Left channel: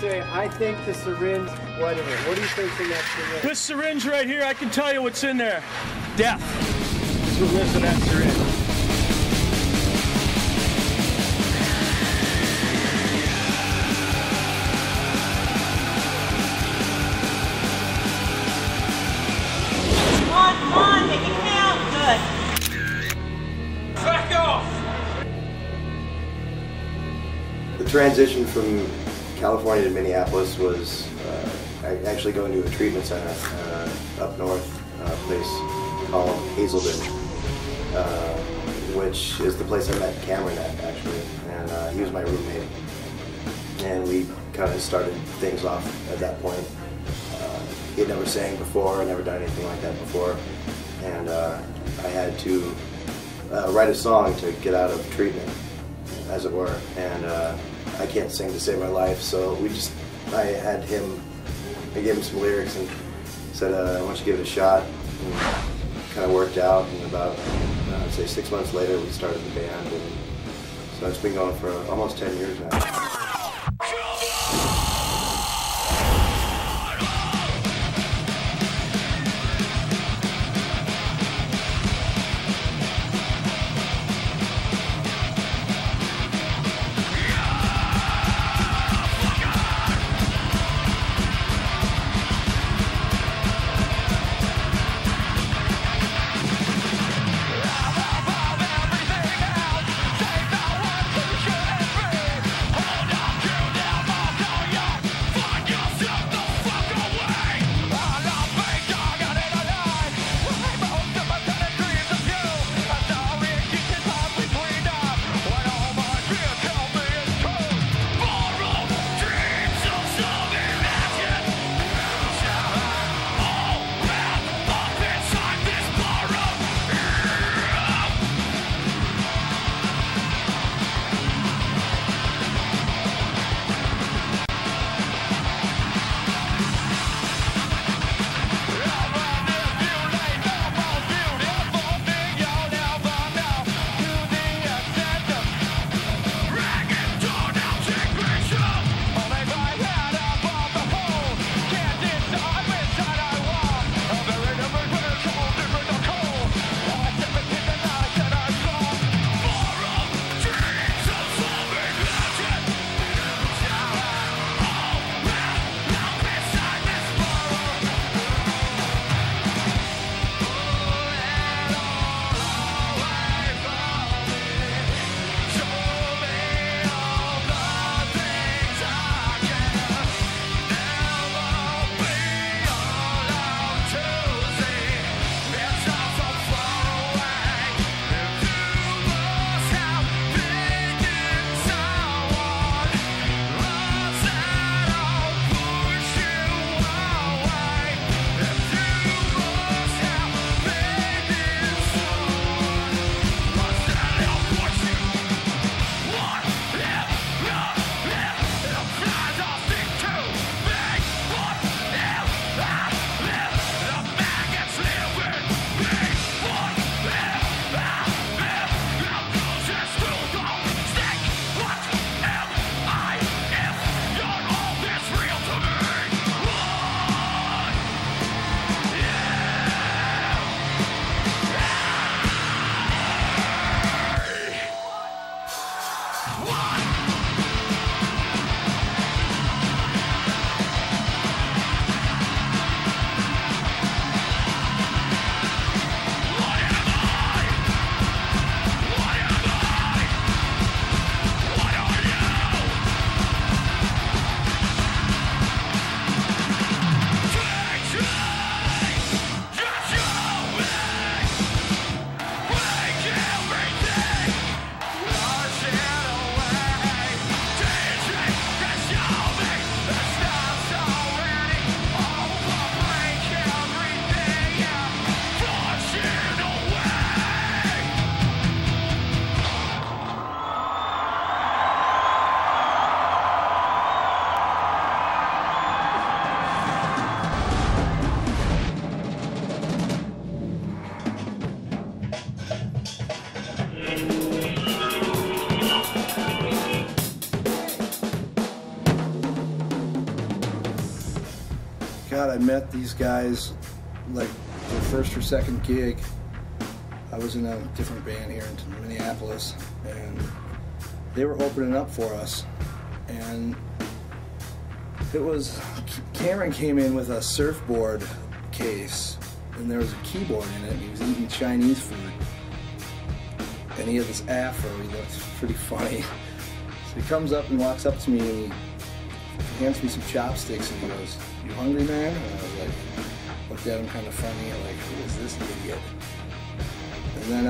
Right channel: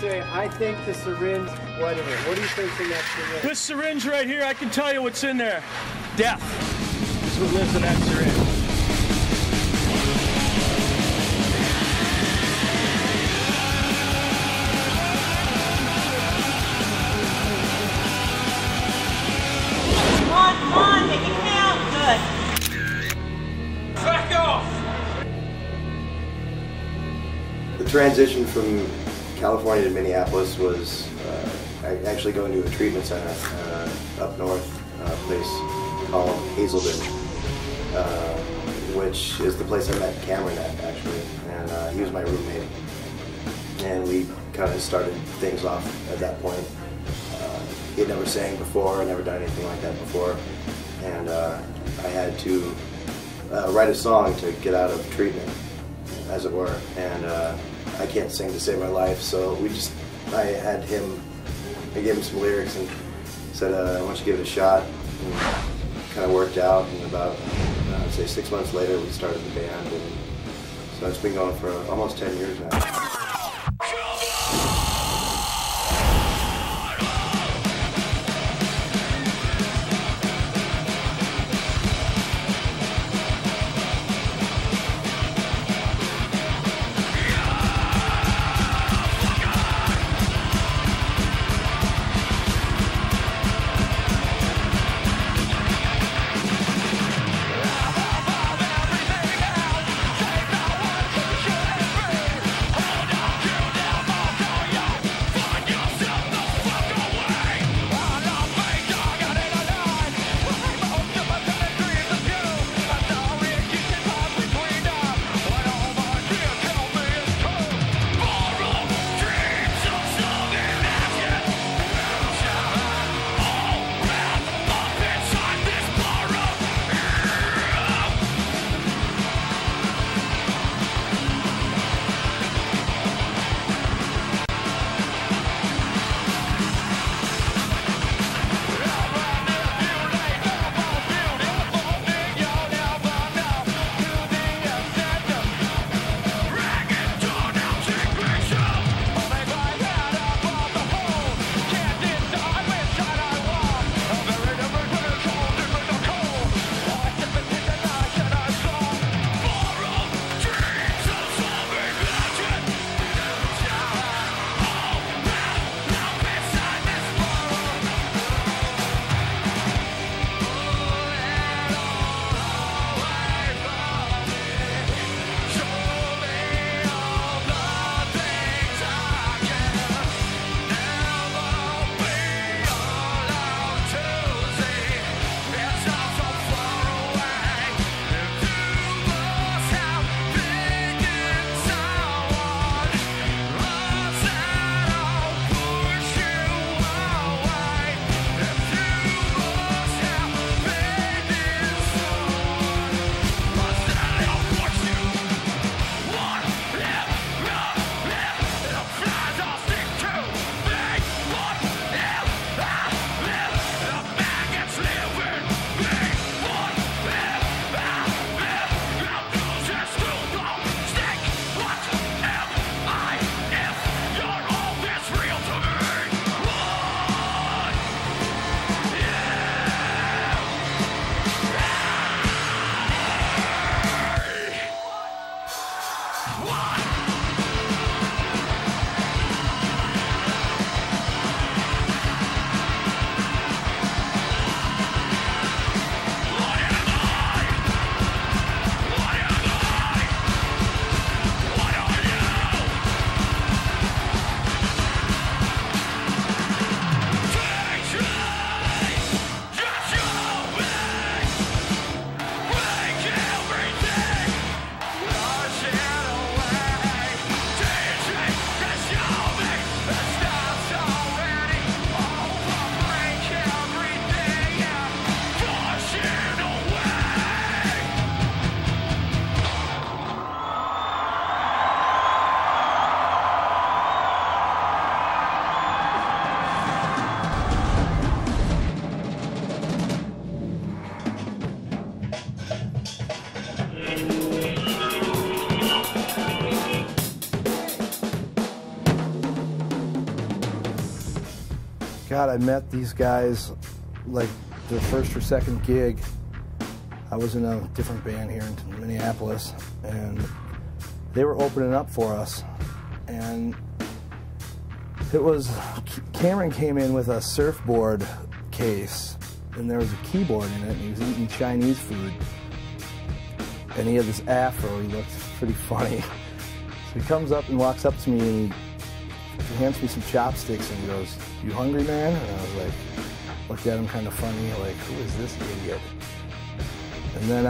say, I think the syringe, whatever. What do you think's in that syringe? This syringe right here, I can tell you what's in there. Death is what lives in that syringe. Come on, make it count. Good. Back off! The transition from California to Minneapolis was actually going to a treatment center up north, a place called Hazelden, which is the place I met Cameron at, actually, and he was my roommate. And we kind of started things off at that point. He had never sang before, never done anything like that before, and I had to write a song to get out of treatment, as it were, and I can't sing to save my life, so I gave him some lyrics and said, I want you to give it a shot, and kind of worked out, and about, I'd say 6 months later, we started the band, and so it's been going for almost 10 years now. Hold I met these guys like their first or second gig. I was in a different band here in Minneapolis, and they were opening up for us. And it was, Cameron came in with a surfboard case, and there was a keyboard in it, and he was eating Chinese food. And he had this afro, he looked pretty funny. So he comes up and walks up to me, and he hands me some chopsticks, and he goes, "You hungry, man?" And I was like, looked at him kind of funny, like, who is this idiot? And then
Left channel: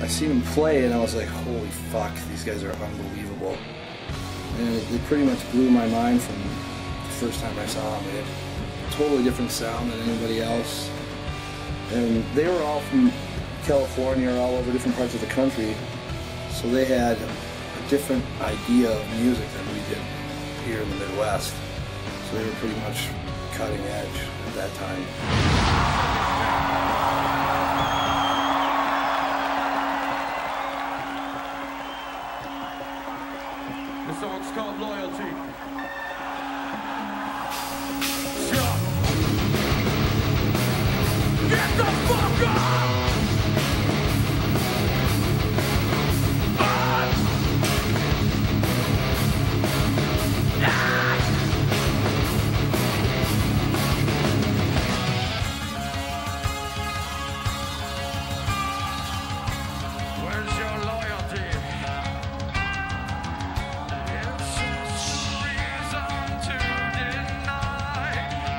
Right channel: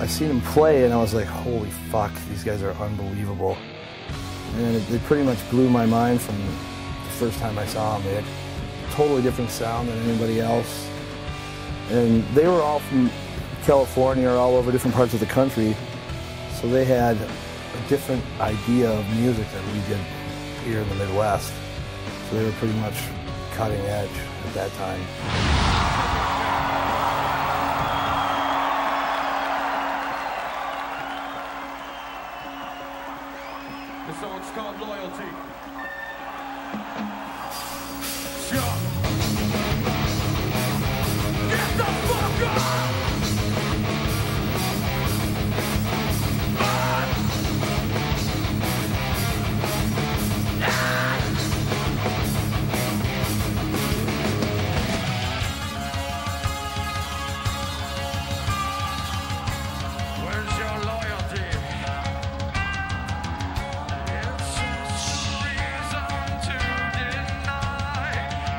I seen him play, and I was like, holy fuck, these guys are unbelievable. And it pretty much blew my mind from the first time I saw them. They had a totally different sound than anybody else. And they were all from California or all over different parts of the country, so they had a different idea of music that we did here in the Midwest. So they were pretty much cutting edge at that time. The song's called Loyalty. Get the fuck up! Where's your loyalty? It's a reason to deny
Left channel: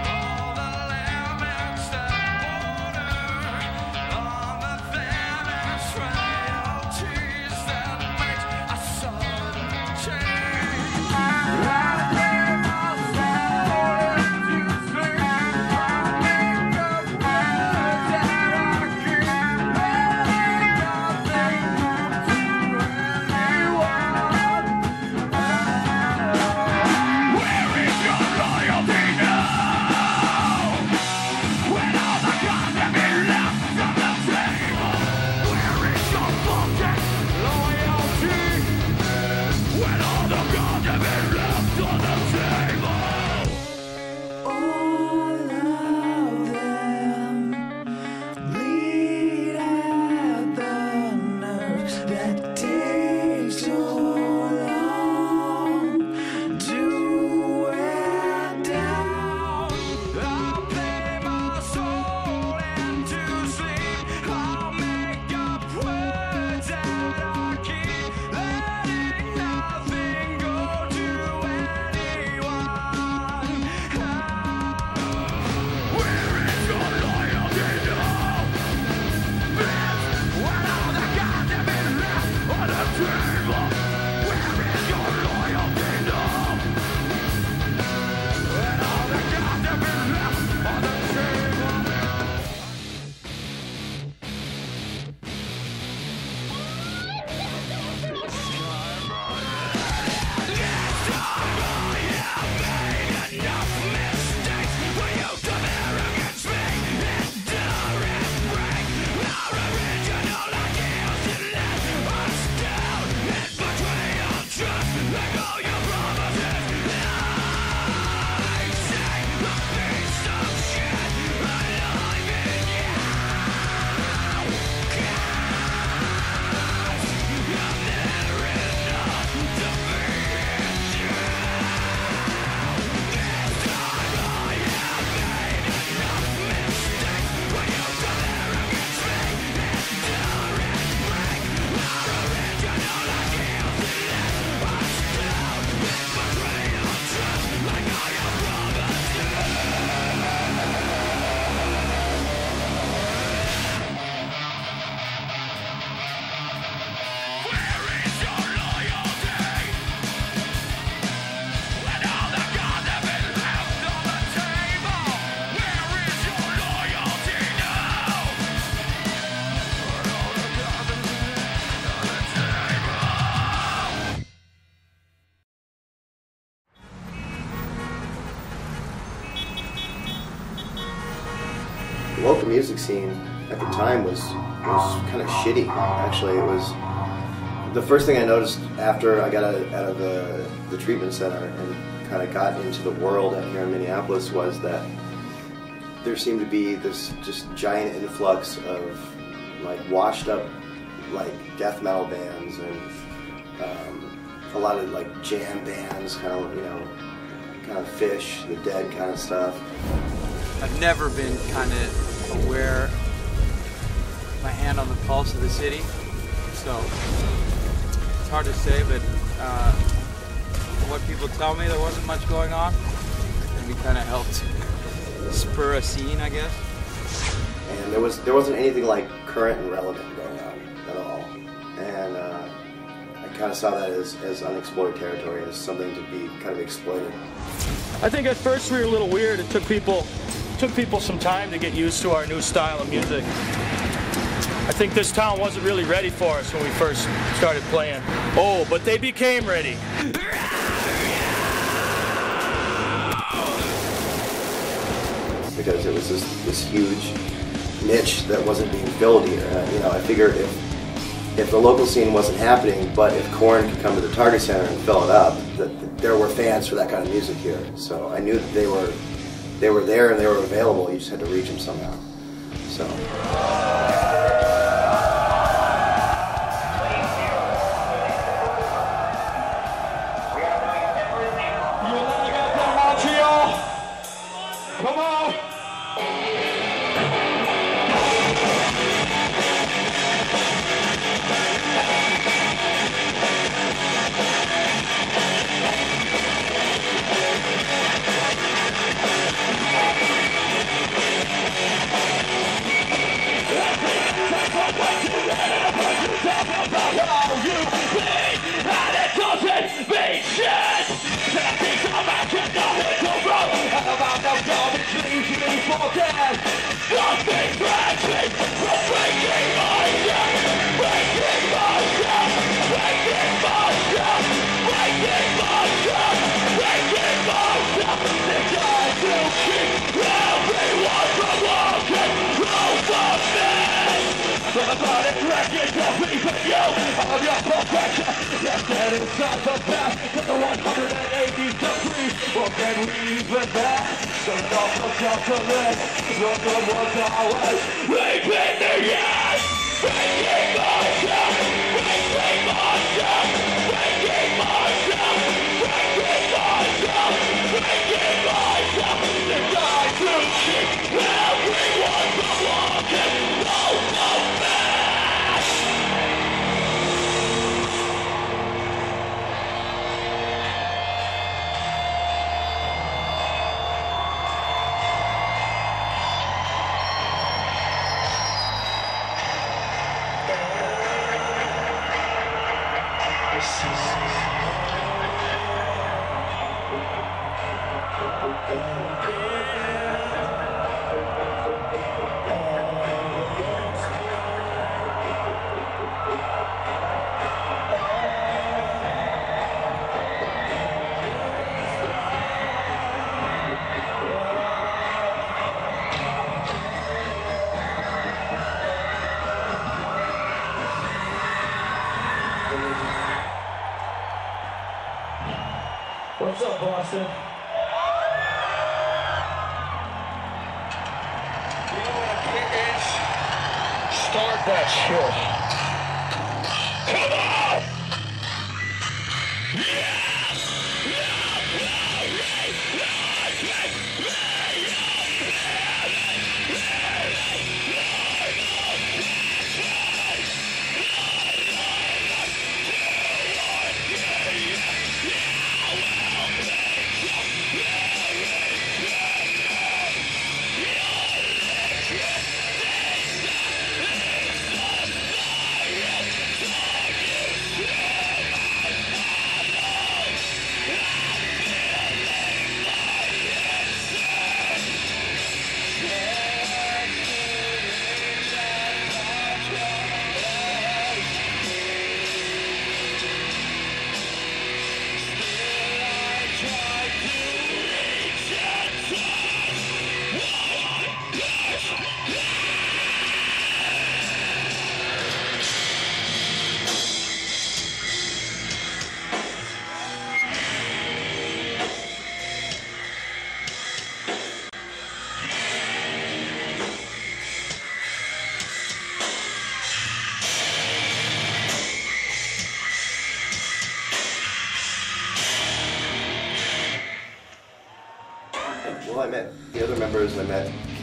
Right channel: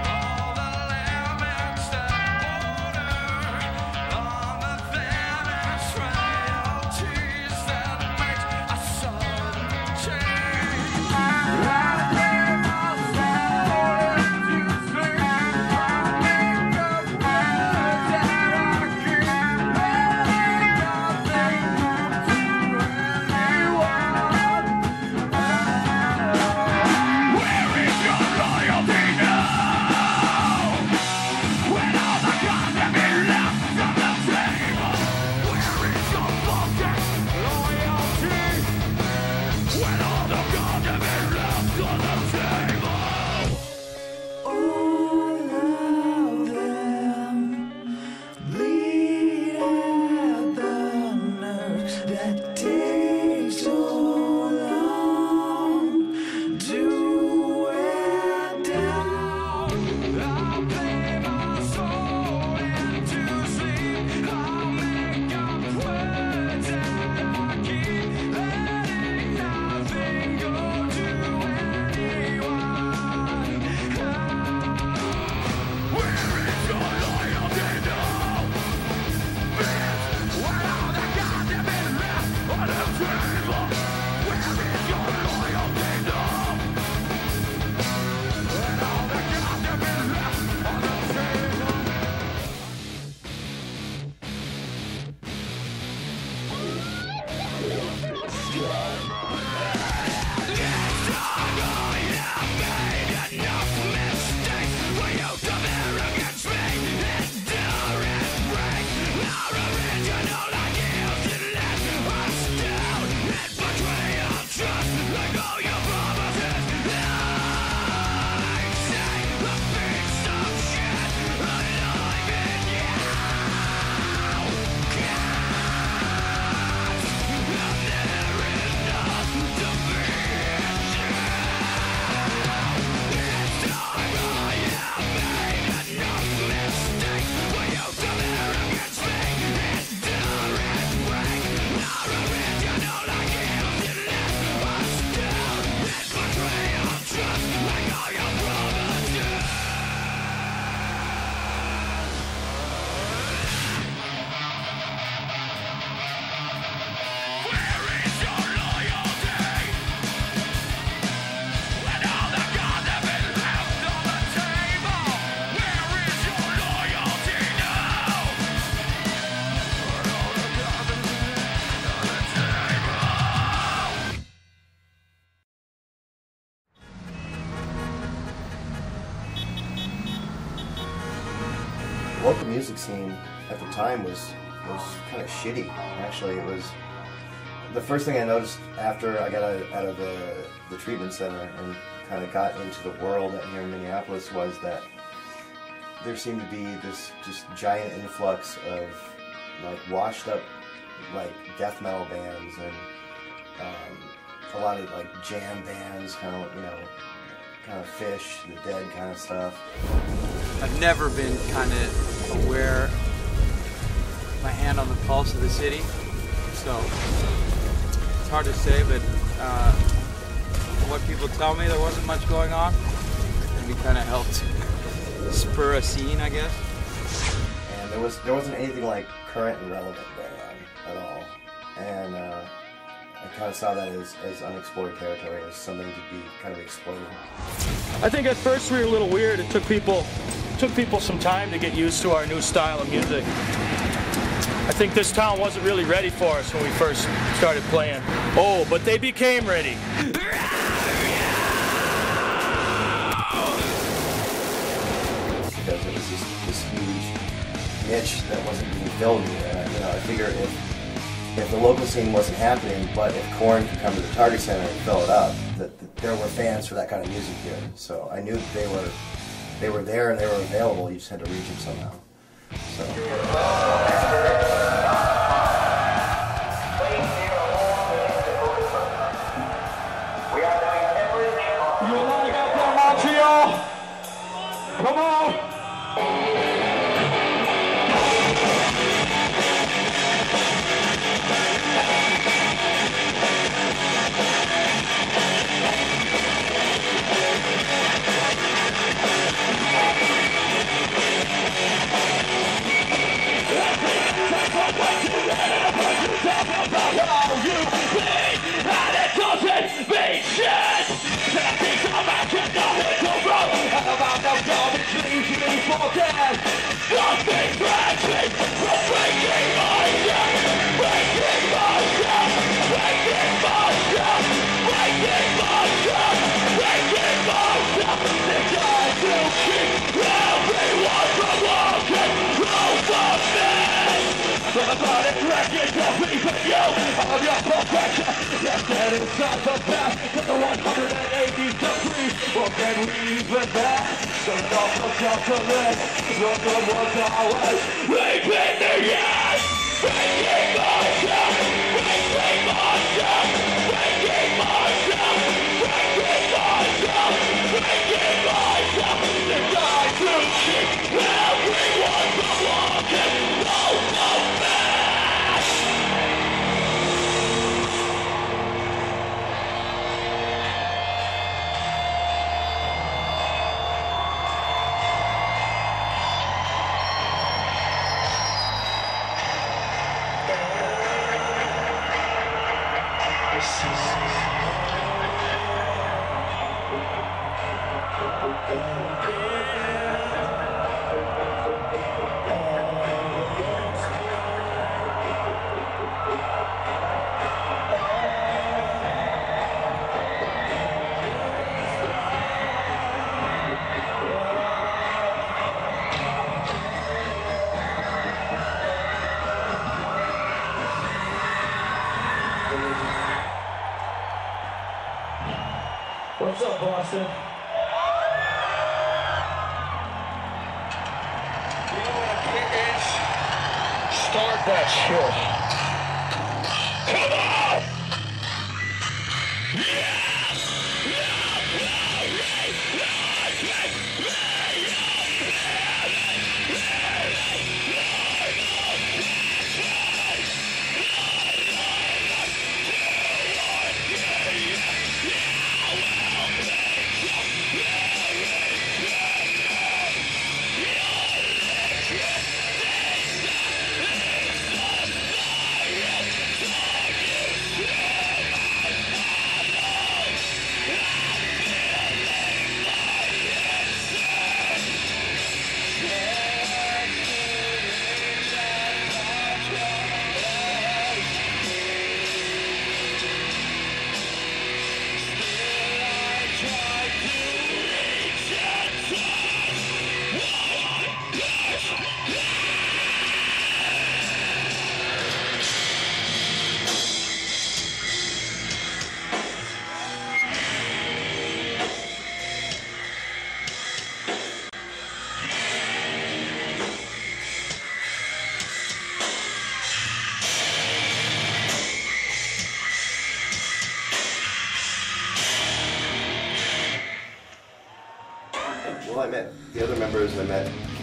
all the limits that border on the thinnest frailties that makes a sudden change. I gave myself into sleep. I make up words that I keep. Local music scene at the time was kind of shitty. Actually, it was the first thing I noticed after I got out of the treatment center and kind of got into the world out here in Minneapolis was that there seemed to be this just giant influx of like washed up like death metal bands and a lot of like jam bands, kind of, you know, kind of Fish, The Dead kind of stuff. I've never been kind of aware, my hand on the pulse of the city, so it's hard to say, but from what people tell me, there wasn't much going on, and we kind of helped spur a scene, I guess. And there wasn't anything like current and relevant going on at all, and I kind of saw that as unexplored territory, as something to be kind of exploited. I think at first we were a little weird. It took people some time to get used to our new style of music. I think this town wasn't really ready for us when we first started playing. Oh, but they became ready. Because it was this huge niche that wasn't being filled here. And, you know, I figured if the local scene wasn't happening, but if Korn could come to the Target Center and fill it up, that there were fans for that kind of music here. So I knew that they were there and they were available. You just had to reach them somehow. So. You want to get there, Montreal? Come on! What's up, Boston? You know what a kick is? Start that shit. Come on!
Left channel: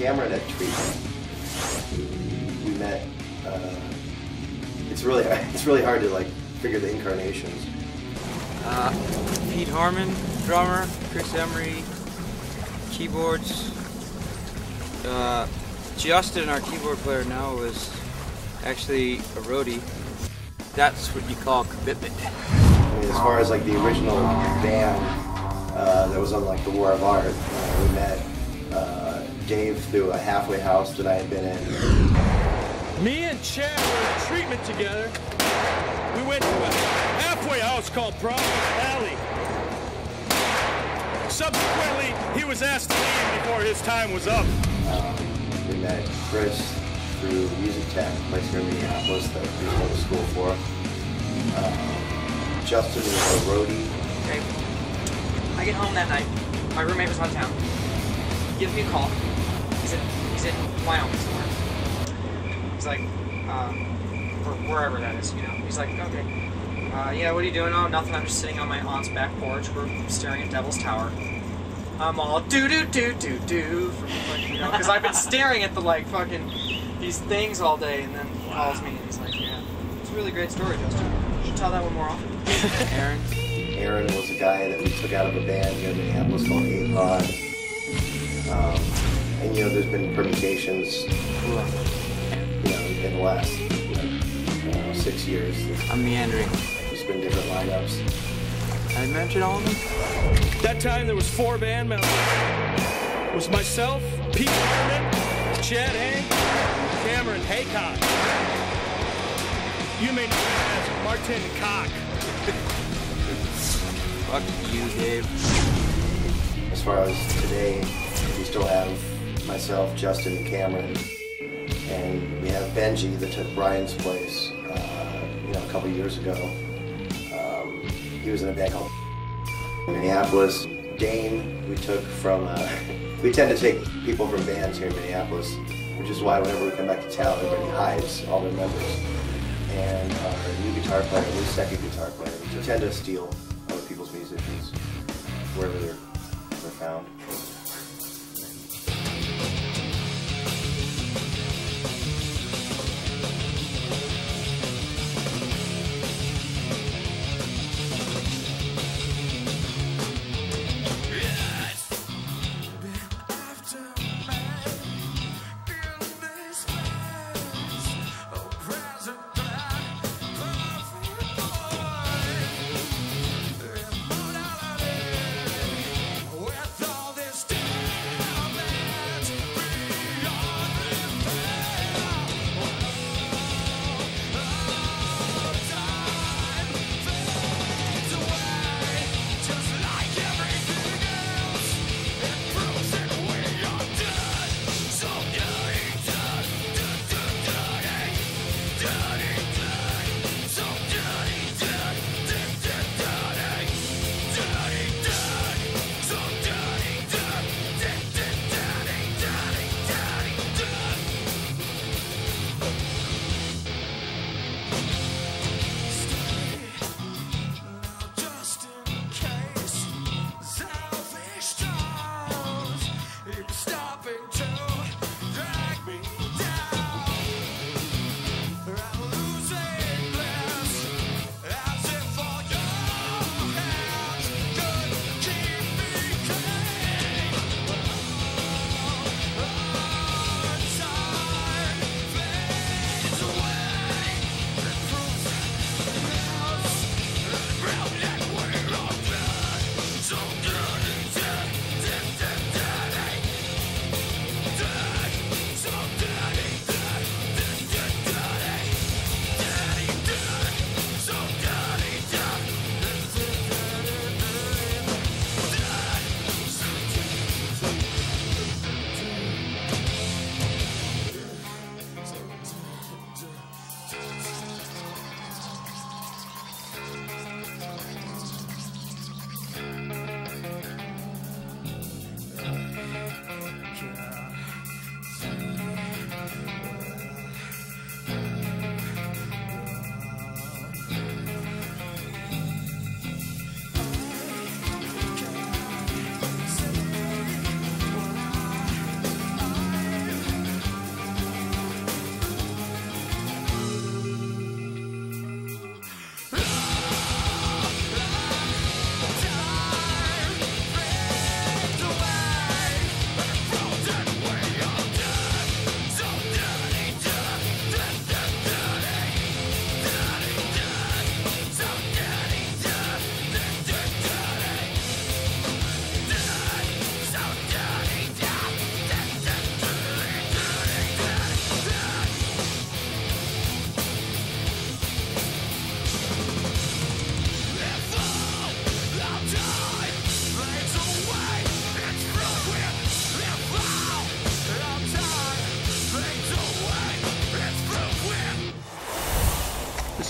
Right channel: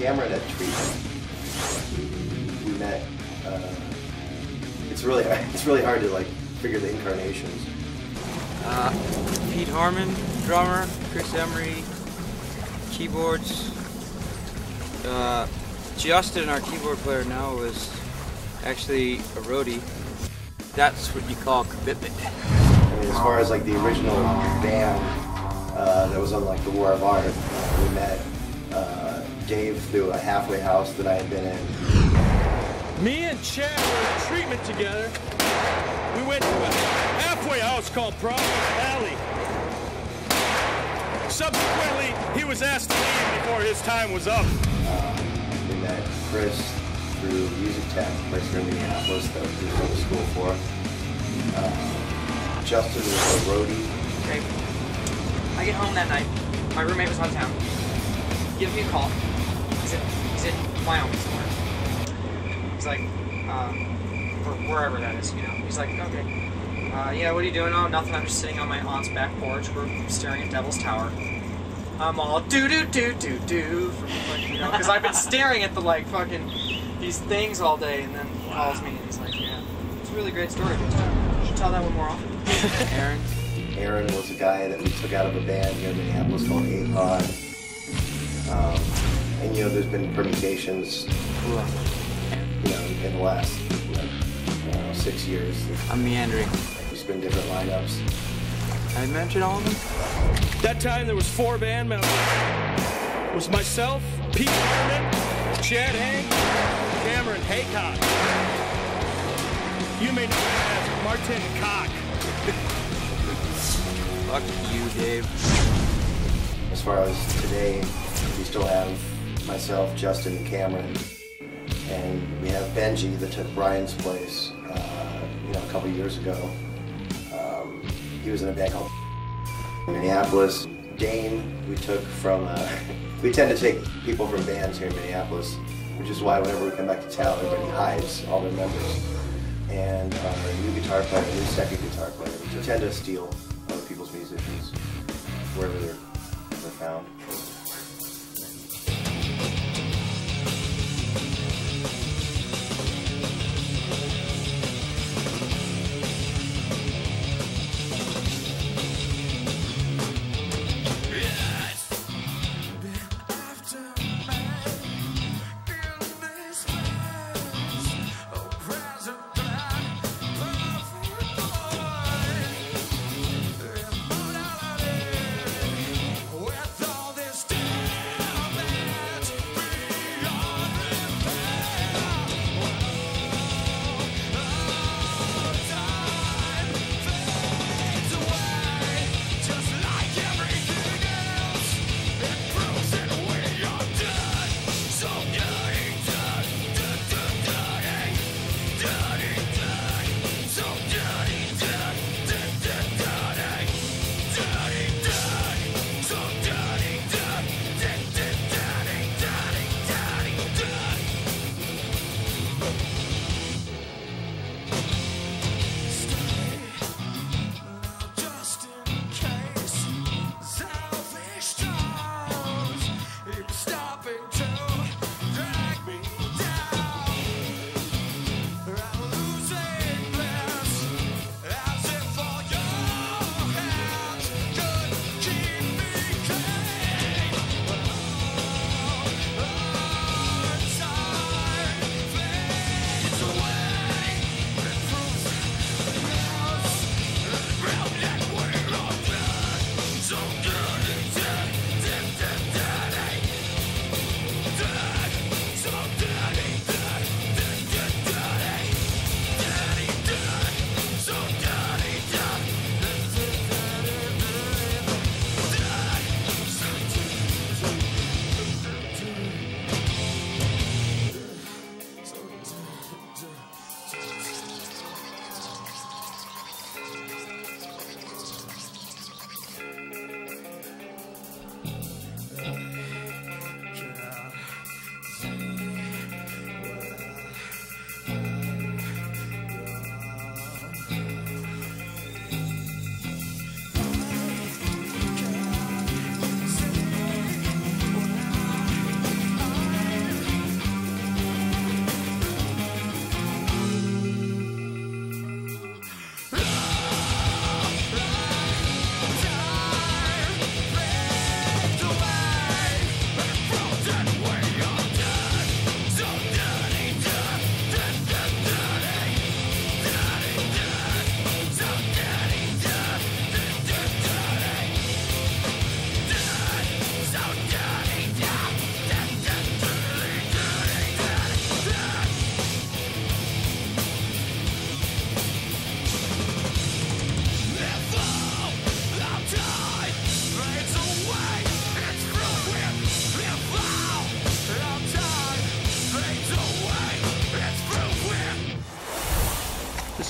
Cameron at Treatment. We met. It's really hard to like figure the incarnations. Pete Harmon, drummer. Chris Emery, keyboards. Justin, our keyboard player now, was actually a roadie. That's what you call commitment. I mean, as far as like the original band that was on like the War of Art, we met Dave through a halfway house that I had been in. Me and Chad were in Treatment together. We went to a halfway house called Providence Alley. Subsequently, he was asked to leave before his time was up. We met Chris through Music Tech, right here in Minneapolis, that we went to school for. Justin was a roadie. Okay. I get home that night. My roommate was out of town. He gives me a call. He's in Wyoming somewhere. He's like, or wherever that is, you know. He's like, okay. Yeah, what are you doing? Oh, nothing. I'm just sitting on my aunt's back porch. We're staring at Devil's Tower. I'm all do-do-do-do-do, you know, because I've been staring at the, like, fucking, these things all day, and then he calls me, and he's like, yeah, it's a really great story, Justin. You should tell that one more often. Aaron was a guy that we took out of a band here in Minneapolis called A-Pod. And, you know, there's been permutations, you know, in the last, 6 years. I'm meandering. There's been different lineups. I mentioned all of them? That time there was 4 band members. It was myself, Pete Harmon, Chad Hank, Cameron Haycock. You may know him as Martin Cock. Fuck you, Dave. As far as today, we still have myself, Justin, and Cameron. And we have Benji that took Brian's place, a couple years ago. He was in a band called Minneapolis. Dane, we took from, we tend to take people from bands here in Minneapolis, which is why whenever we come back to town, everybody hides all their members. And our new guitar player, new second guitar player, we tend to steal other people's musicians wherever they're found. With all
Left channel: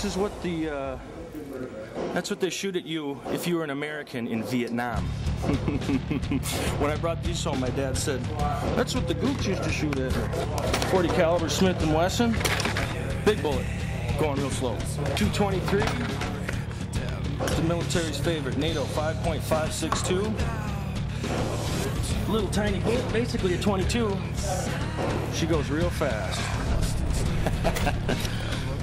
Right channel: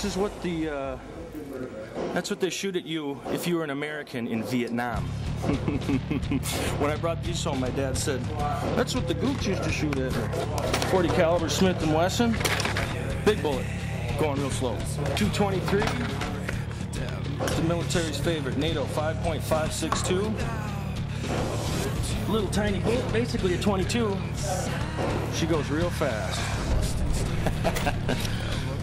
This is what the, that's what they shoot at you if you were an American in Vietnam. When I brought these home, my dad said, that's what the Gooks used to shoot at. 40 caliber Smith & Wesson, big bullet, going real slow. 223, the military's favorite, NATO 5.562. Little tiny bullet, basically a 22. She goes real fast.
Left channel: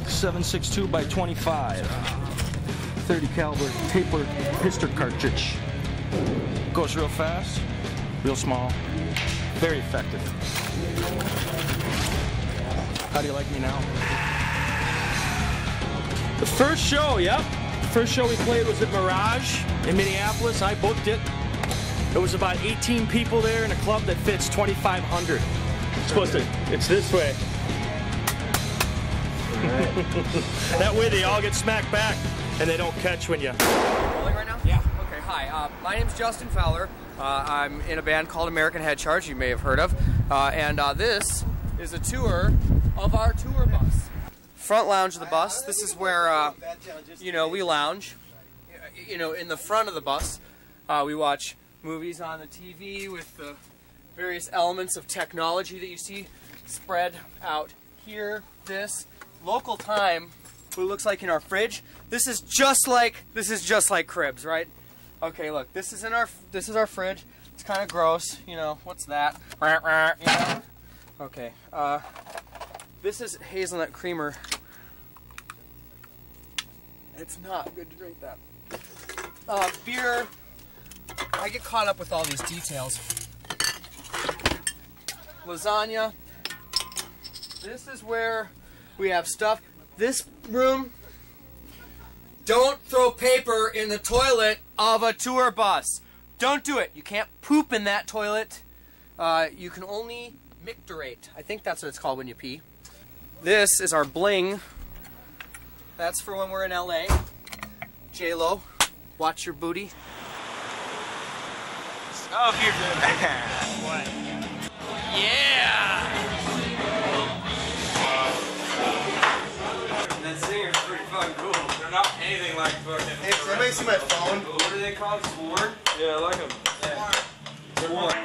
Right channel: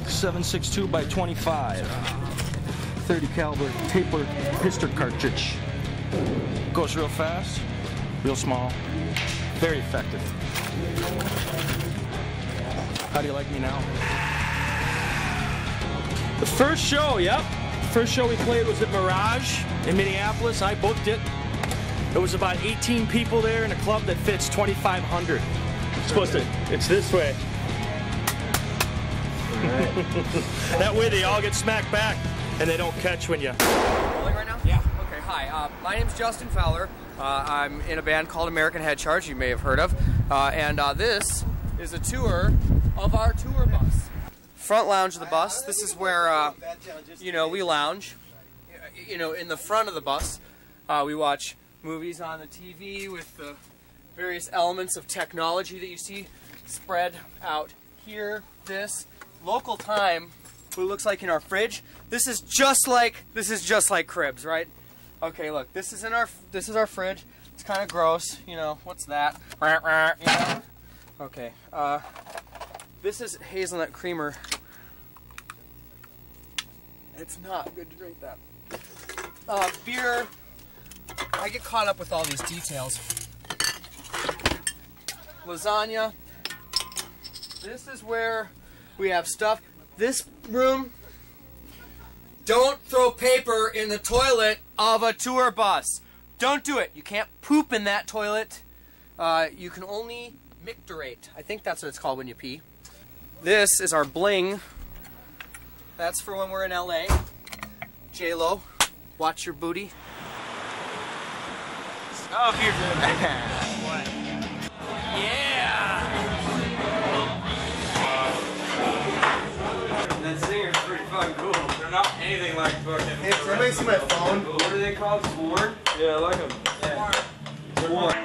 7.62 by 25. 30 caliber taper pistol cartridge. Goes real fast, real small, very effective. How do you like me now? The first show, yep. The first show we played was at Mirage in Minneapolis. I booked it. There was about 18 people there in a club that fits 2,500. It's supposed to, it's this way. That way they all get smacked back and they don't catch when you... Rolling right now? Yeah. Okay, hi. My name's Justin Fowler. I'm in a band called American Head Charge, you may have heard of. And this is a tour of our tour bus. Front lounge of the bus. This is where, you know, we lounge. You know, in the front of the bus, we watch movies on the TV with the various elements of technology that you see spread out here. This local time, what it looks like in our fridge. This is just like Cribs, right? Okay, look, this is our fridge. It's kind of gross, you know. What's that? You know? Okay. This is hazelnut creamer. It's not good to drink that. Beer. I get caught up with all these details. Lasagna. This is where we have stuff. This room. Don't throw paper in the toilet of a tour bus. Don't do it. You can't poop in that toilet. You can only micturate. I think that's what it's called when you pee. This is our bling. That's for when we're in LA. J-Lo, watch your booty. Oh, you're doing that. What? Yeah! That singer's pretty fucking cool. They're not anything like fucking... Hey, does anybody see my phone? What are they called? Sworn? Yeah, I like them. Yeah. Sworn.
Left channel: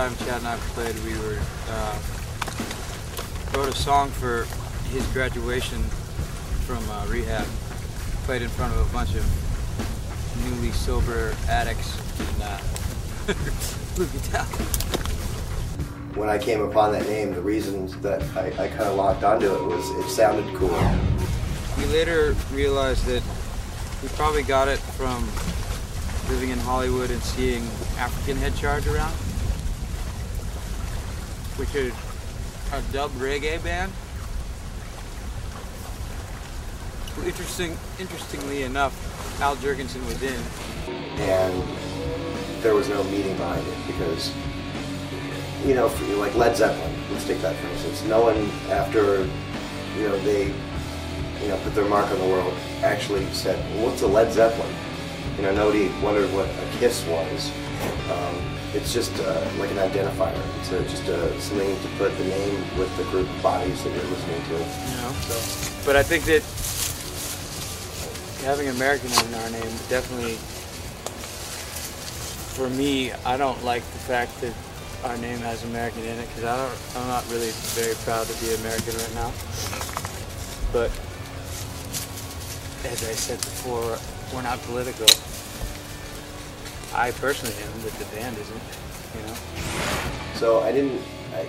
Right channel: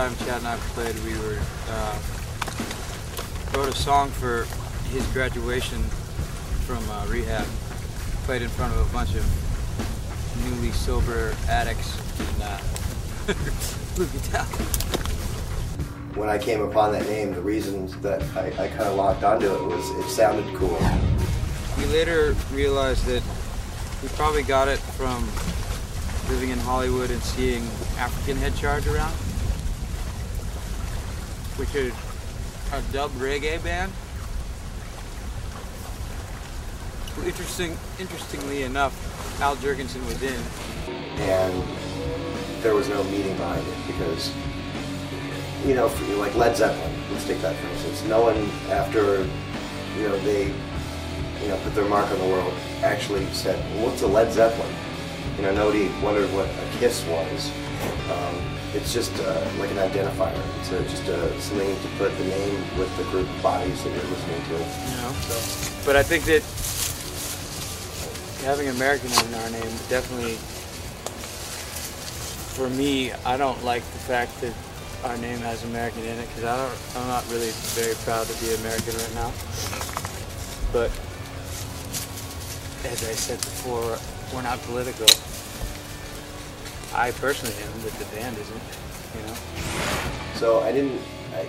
time Chad and I played, we wrote a song for his graduation from rehab. Played in front of a bunch of newly sober addicts and blew me down. When I came upon that name, the reasons that I kind of locked onto it was it sounded cool. We later realized that we probably got it from living in Hollywood and seeing African Head Charge around, which is a dub reggae band. Interestingly enough, Al Jurgensen was in. And there was no meaning behind it because, you know, for, like Led Zeppelin, let's take that for instance. No one after, you know, they, you know, put their mark on the world actually said, well, what's a Led Zeppelin? You know, nobody wondered what a Kiss was. It's just like an identifier. It's just something to put the name with the group of bodies that you're listening to. You know, but I think that having American in our name definitely, for me, I don't like the fact that our name has American in it because I'm not really very proud to be American right now. But as I said before, we're not political. I personally am, but the band isn't, you know. So I didn't,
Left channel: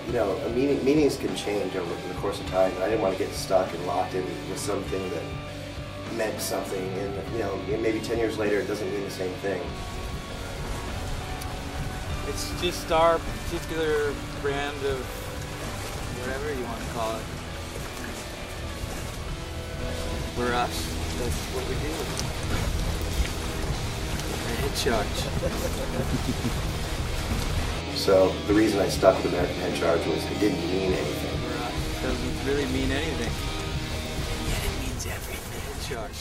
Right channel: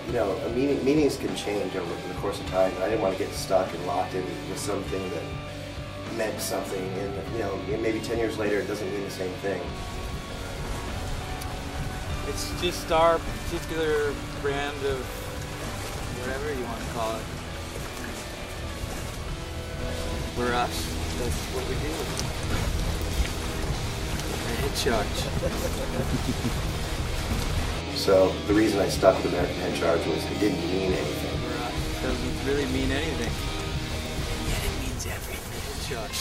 you know, meanings can change over the course of time. And I didn't want to get stuck and locked in with something that meant something, and you know, maybe 10 years later it doesn't mean the same thing. It's just our particular brand of whatever you want to call it. We're us. That's what we do. Head Charge. So the reason I stuck with American Head Charge was it didn't mean anything. We're us. It doesn't really mean anything. Yet it means everything. Head Charge.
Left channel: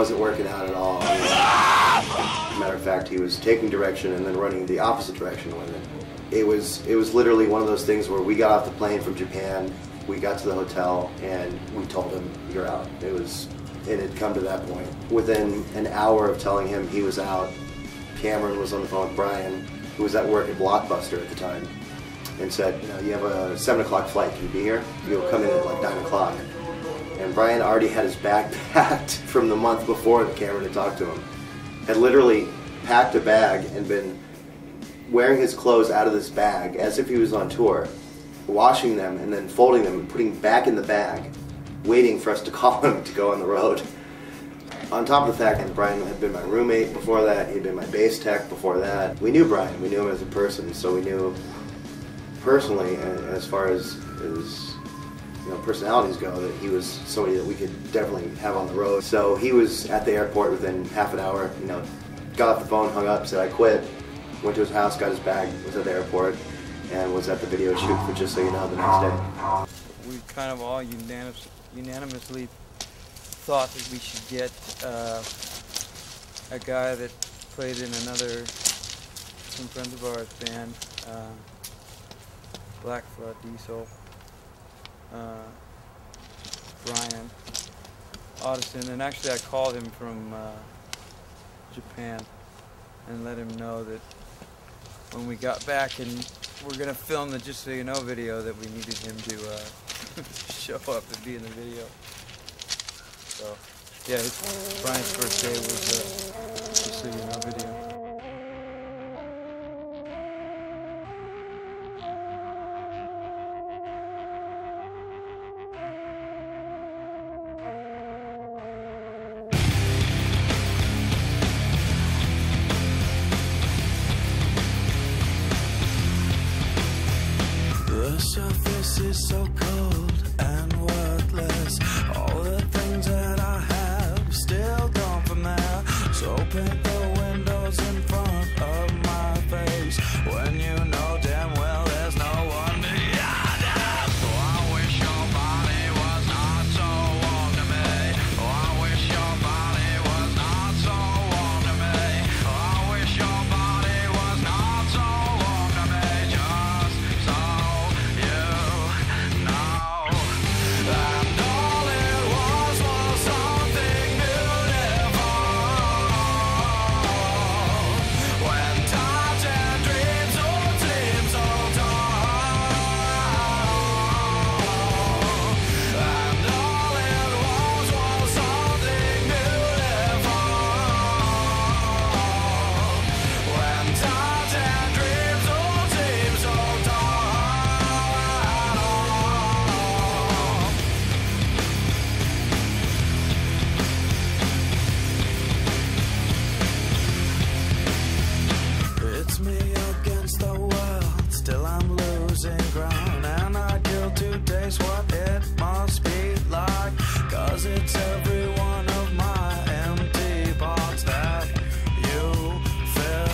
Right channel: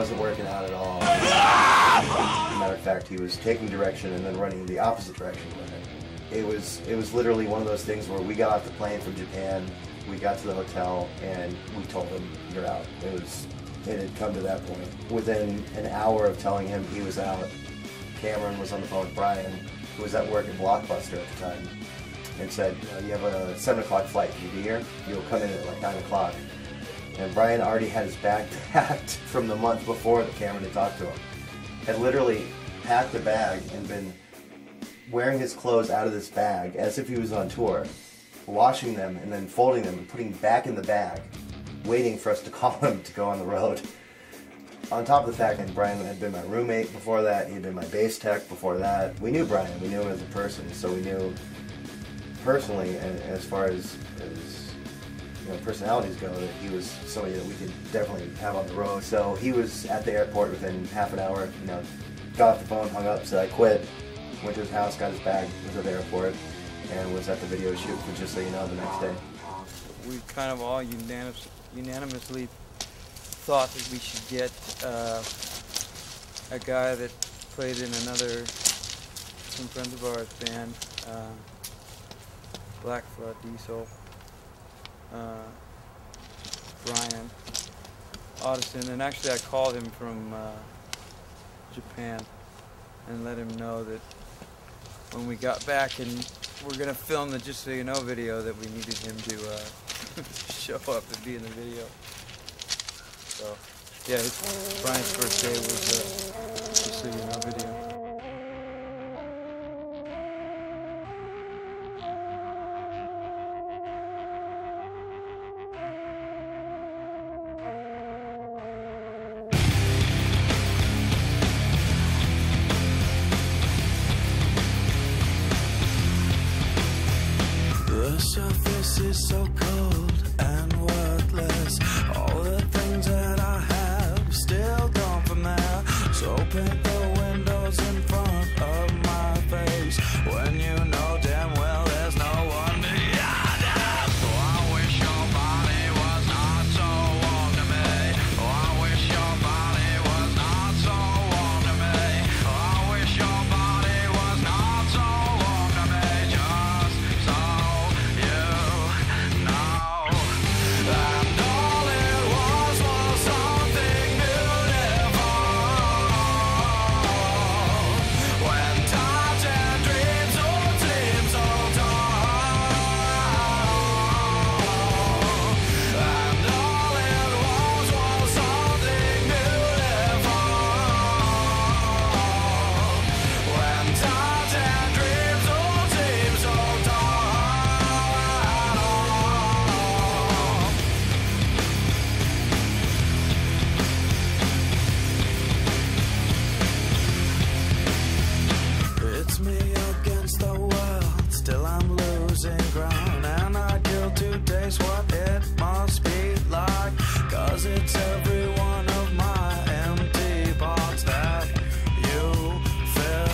wasn't working out at all. Matter of fact, he was taking direction and then running the opposite direction with it. It was literally one of those things where we got off the plane from Japan, we got to the hotel, and we told him, "You're out." It had come to that point. Within an hour of telling him he was out, Cameron was on the phone with Brian, who was at work at Blockbuster at the time, and said, "You have a 7 o'clock flight, can you be here? You'll come in at like 9 o'clock. And Brian already had his bag packed from the month before that Cameron had talked to him. Had literally packed a bag and been wearing his clothes out of this bag as if he was on tour, washing them and then folding them and putting back in the bag, waiting for us to call him to go on the road. On top of the fact that Brian had been my roommate before that, he'd been my bass tech before that. We knew Brian, we knew him as a person, so we knew personally, as far as his personalities go, that he was somebody that we could definitely have on the road. So he was at the airport within half an hour, got off the phone, hung up, said I quit, went to his house, got his bag, was at the airport, and was at the video shoot for Just So You Know the next day. We kind of all unanimously thought that we should get a guy that played in some friends of ours band, Black Flood Diesel, Brian Audison, and actually I called him from Japan and let him know that when we got back and we're gonna film the Just So You Know video, that we needed him to show up and be in the video. So yeah, Brian's first day was the Just So You Know video. The surface is so cold and worthless. All the things that I have still gone from there. So paint the windows in front of my face when you know damn well there's no one beyond it. Oh, I wish your body was not so warm to me. Oh, I wish your body was not so warm to me. Oh, I wish your body was not so warm to me. Just so you know. And all it was something beautiful. When times and dreams all seem so tall. And all it was something beautiful. When times and dreams all seem so tall. It's me against the world, still I'm losing ground. And I kill to taste what it must be like. 'Cause it's every one of my empty parts that you fill.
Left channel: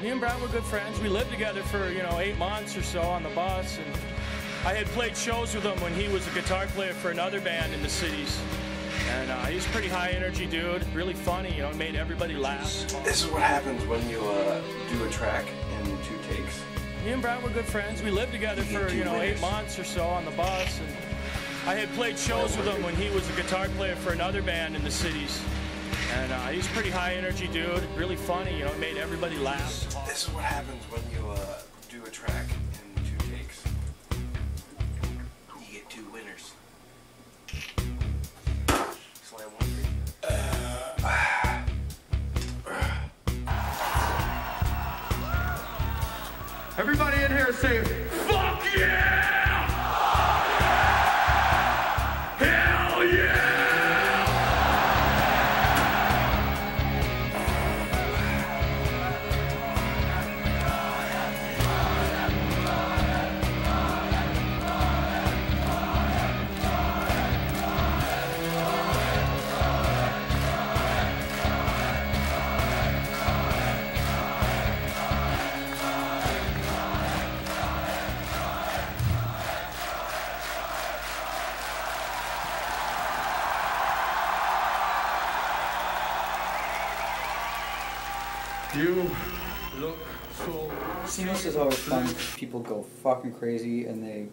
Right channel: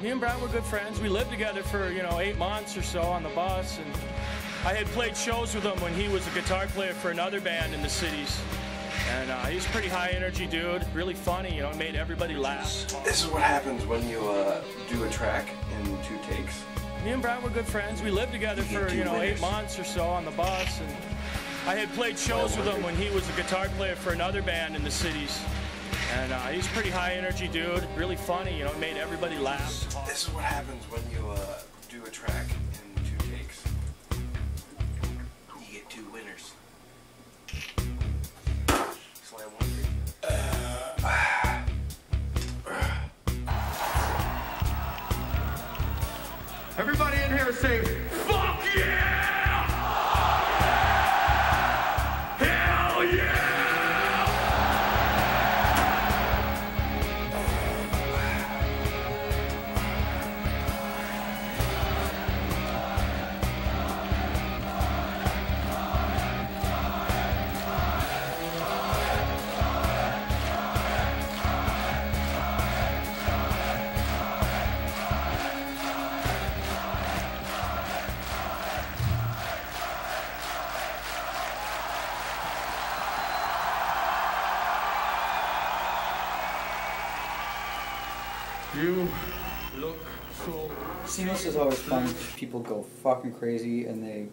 Me and Brad were good friends. We lived together for, 8 months or so on the bus, and I had played shows with him when he was a guitar player for another band in the cities. And he's a pretty high energy dude, really funny, made everybody laugh. This is what happens when you do a track in 2 takes. Me and Brad were good friends. We lived together for, 8 months or so on the bus, and I had played shows with him when he was a guitar player for another band in the cities. And he's a pretty high energy dude, really funny, made everybody laugh. This is what happens when you do a track in 2 takes. You get 2 winners. Slam one. Everybody in here say, fuck yeah! Hell yeah! You look so... Seamless is always fun. People go fucking crazy and they...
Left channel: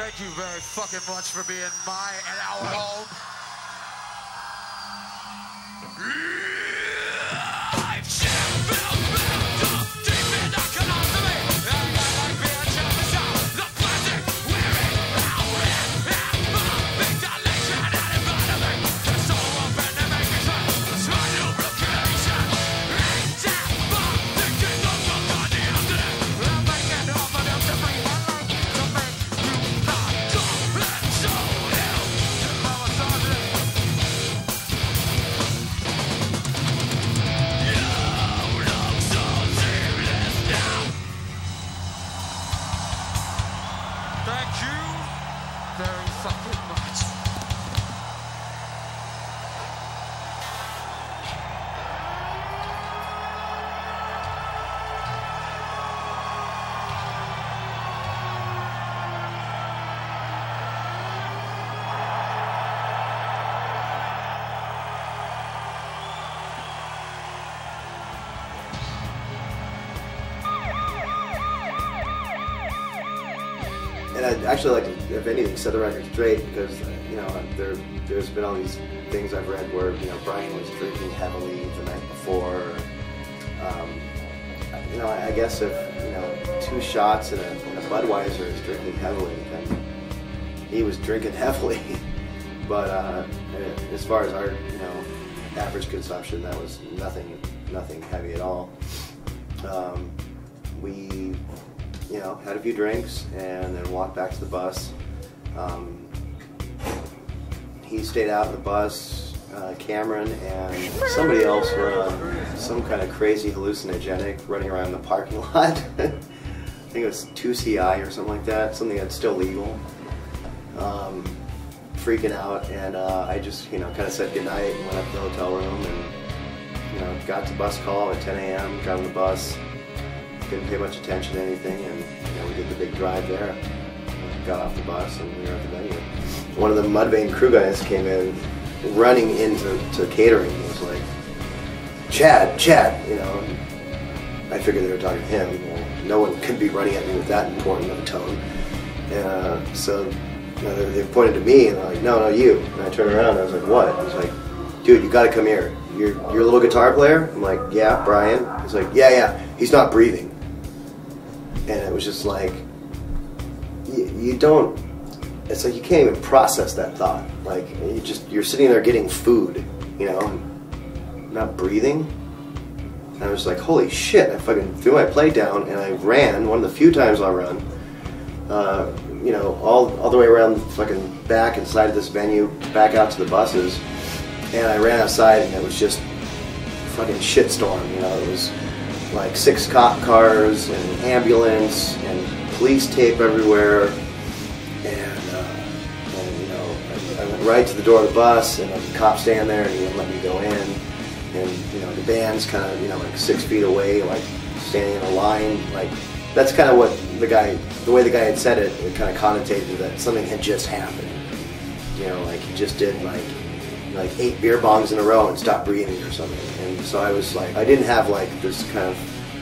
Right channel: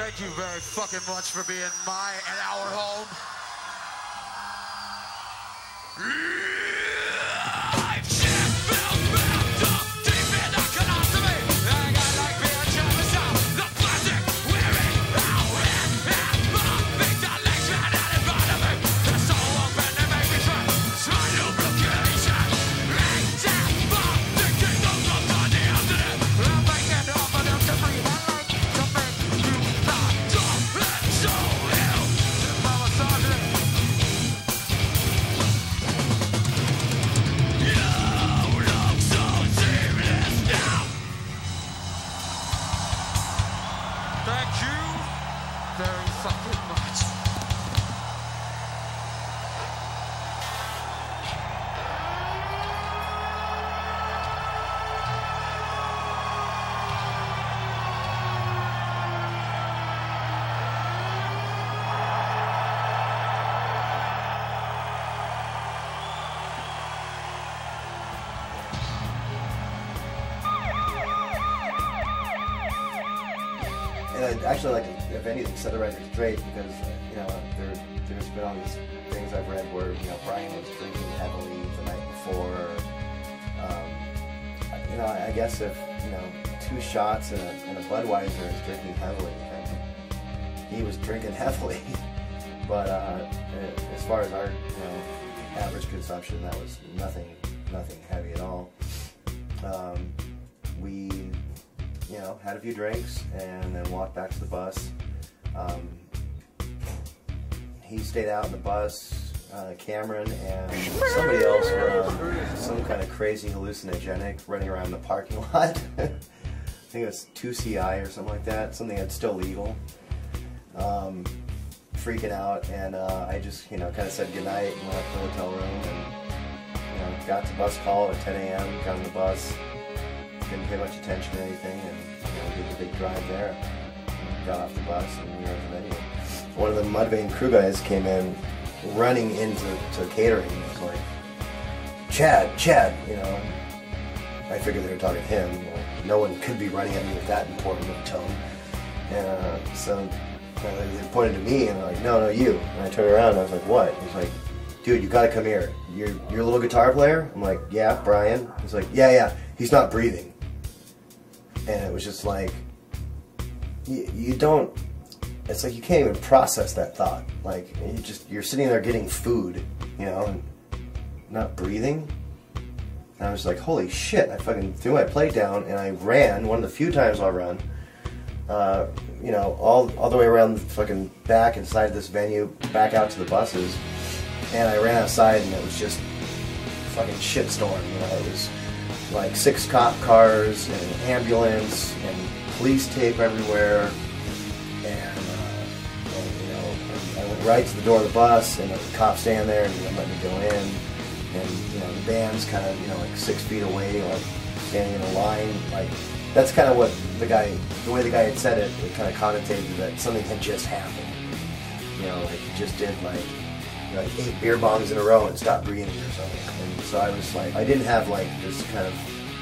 Thank you very fucking much for being my and our home. Thank you very fucking much. And I'd actually like to, if anything, set the record straight because, you know, there's been all these things I've read where, you know, Brian was drinking heavily the night before. You know, I guess if, you know, 2 shots and a Budweiser is drinking heavily, then he was drinking heavily. But as far as our, you know, average consumption, that was nothing heavy at all. We, you know, had a few drinks and then walked back to the bus. He stayed out in the bus, Cameron and somebody else were some kind of crazy hallucinogenic running around the parking lot. I think it was 2CI or something like that, something that's still legal. Freaking out, and I just, you know, kind of said goodnight and went up to the hotel room and, you know, got the bus call at 10 a.m., got on the bus. Didn't pay much attention to anything, and, you know, we did the big drive there. Got off the bus, and one of the Mudvayne crew guys came in, running into catering. He was like, Chad, you know. I figured they were talking to him. No one could be running at me with that important of a tone. And so, you know, they pointed to me, and they're like, no, you. And I turned around, and I was like, what? I was like, dude, you gotta come here. You're a little guitar player? I'm like, yeah, Brian. He's like, yeah, he's not breathing. And it was just like, you don't, it's like you can't even process that thought. Like, you're sitting there getting food, you know, and not breathing. And I was like, holy shit, I fucking threw my plate down and I ran, one of the few times I'll run, you know, all the way around the fucking back and side of this venue, back out to the buses. And I ran outside and it was just a fucking shitstorm, you know. It was like 6 cop cars and ambulance and police tape everywhere. And you know, I went right to the door of the bus and the cop stand there and he wouldn't let me go in. And you know, the band's kind of, you know, like 6 feet away, like standing in a line. Like, that's kind of what the way the guy had said it, it kind of connotated that something had just happened. You know, like he just did like 8 beer bongs in a row and stopped breathing or something. And so I was like, I didn't have like this kind of,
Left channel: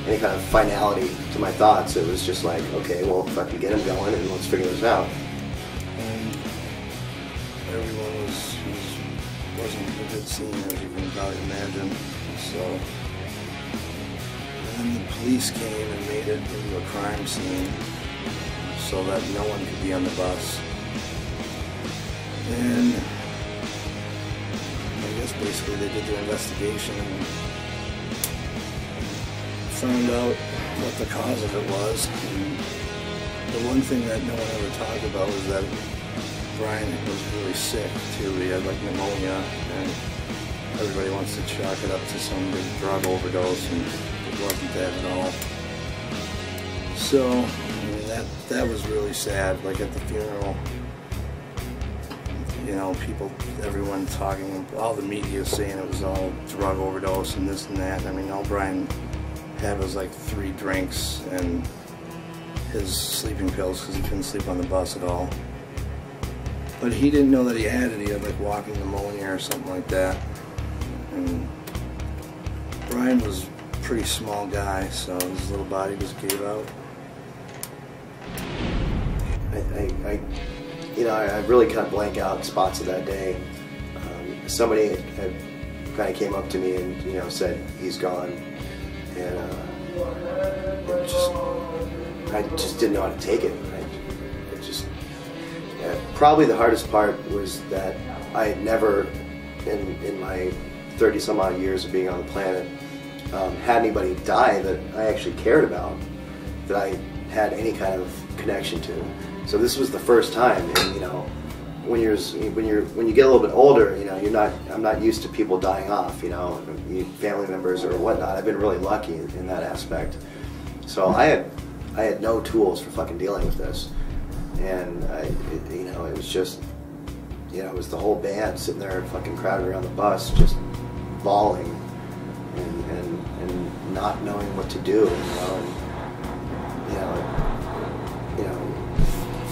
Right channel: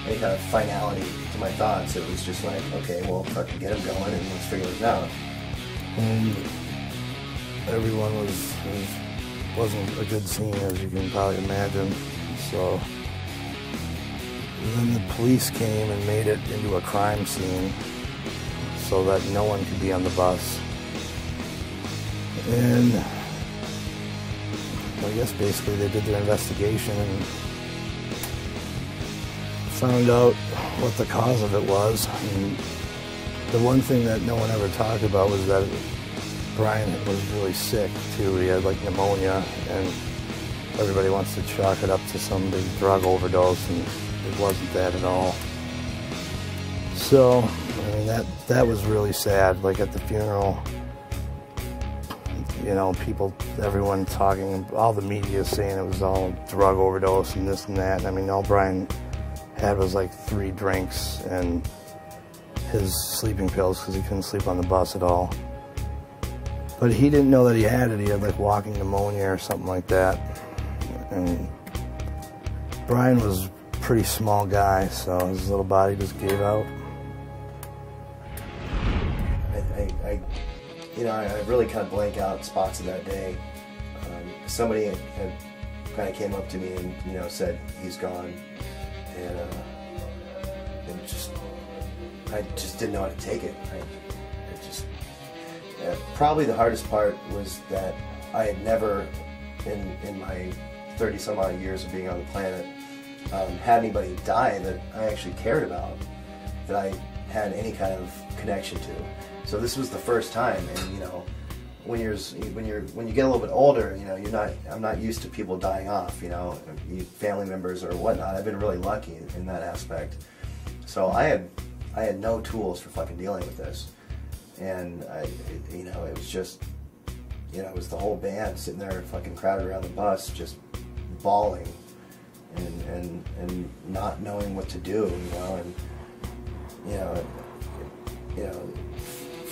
any kind of finality to my thoughts. It was just like, okay, well, if I can get him going and let's figure this out. And everyone wasn't a good scene, as you can probably imagine. So then the police came and made it into a crime scene so that no one could be on the bus. And I guess basically they did the investigation and found out what the cause of it was. And the one thing that no one ever talked about was that Brian was really sick too. He had like pneumonia, and everybody wants to chalk it up to some big drug overdose, and it wasn't that at all. So, I mean, that was really sad. Like at the funeral, you know, everyone talking, all the media saying it was all drug overdose and this and that. I mean, all Brian had was like 3 drinks and his sleeping pills because he couldn't sleep on the bus at all. But he didn't know that he had it. He had like walking pneumonia or something like that. And Brian was a pretty small guy, so his little body just gave out. I you know, I really kind of blank out spots of that day. Somebody had kind of came up to me and, you know, said he's gone, and I just didn't know how to take it. Probably the hardest part was that I had never, in my 30 some odd years of being on the planet, had anybody die that I actually cared about, that I had any kind of connection to. So this was the first time, and you know, when you get a little bit older, you know, I'm not used to people dying off, you know, family members or whatnot. I've been really lucky in that aspect. So I had no tools for fucking dealing with this, and you know, it was just, you know, it was the whole band sitting there fucking crowded around the bus, just bawling and not knowing what to do, you know, and you know,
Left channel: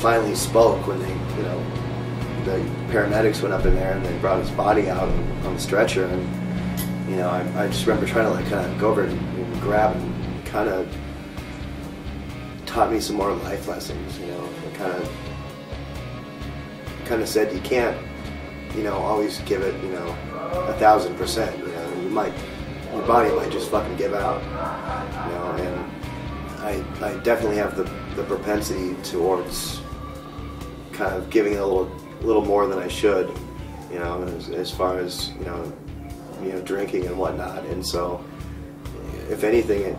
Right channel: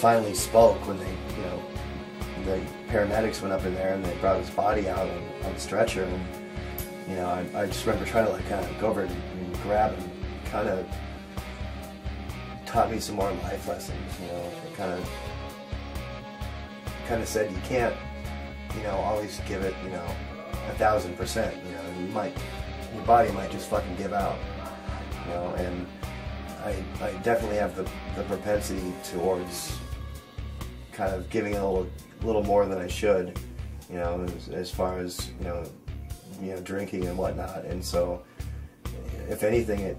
finally spoke when they, you know, the paramedics went up in there and they brought his body out on the stretcher, and you know, I just remember trying to like kind of go over and grab him, kind of taught me some more life lessons, you know, kind of said you can't, you know, always give it, you know, 1,000%, you know, your body might just fucking give out, you know, and I definitely have the propensity towards kind of giving it a little more than I should, you know, as far as, you know, drinking and whatnot. And so, if anything, it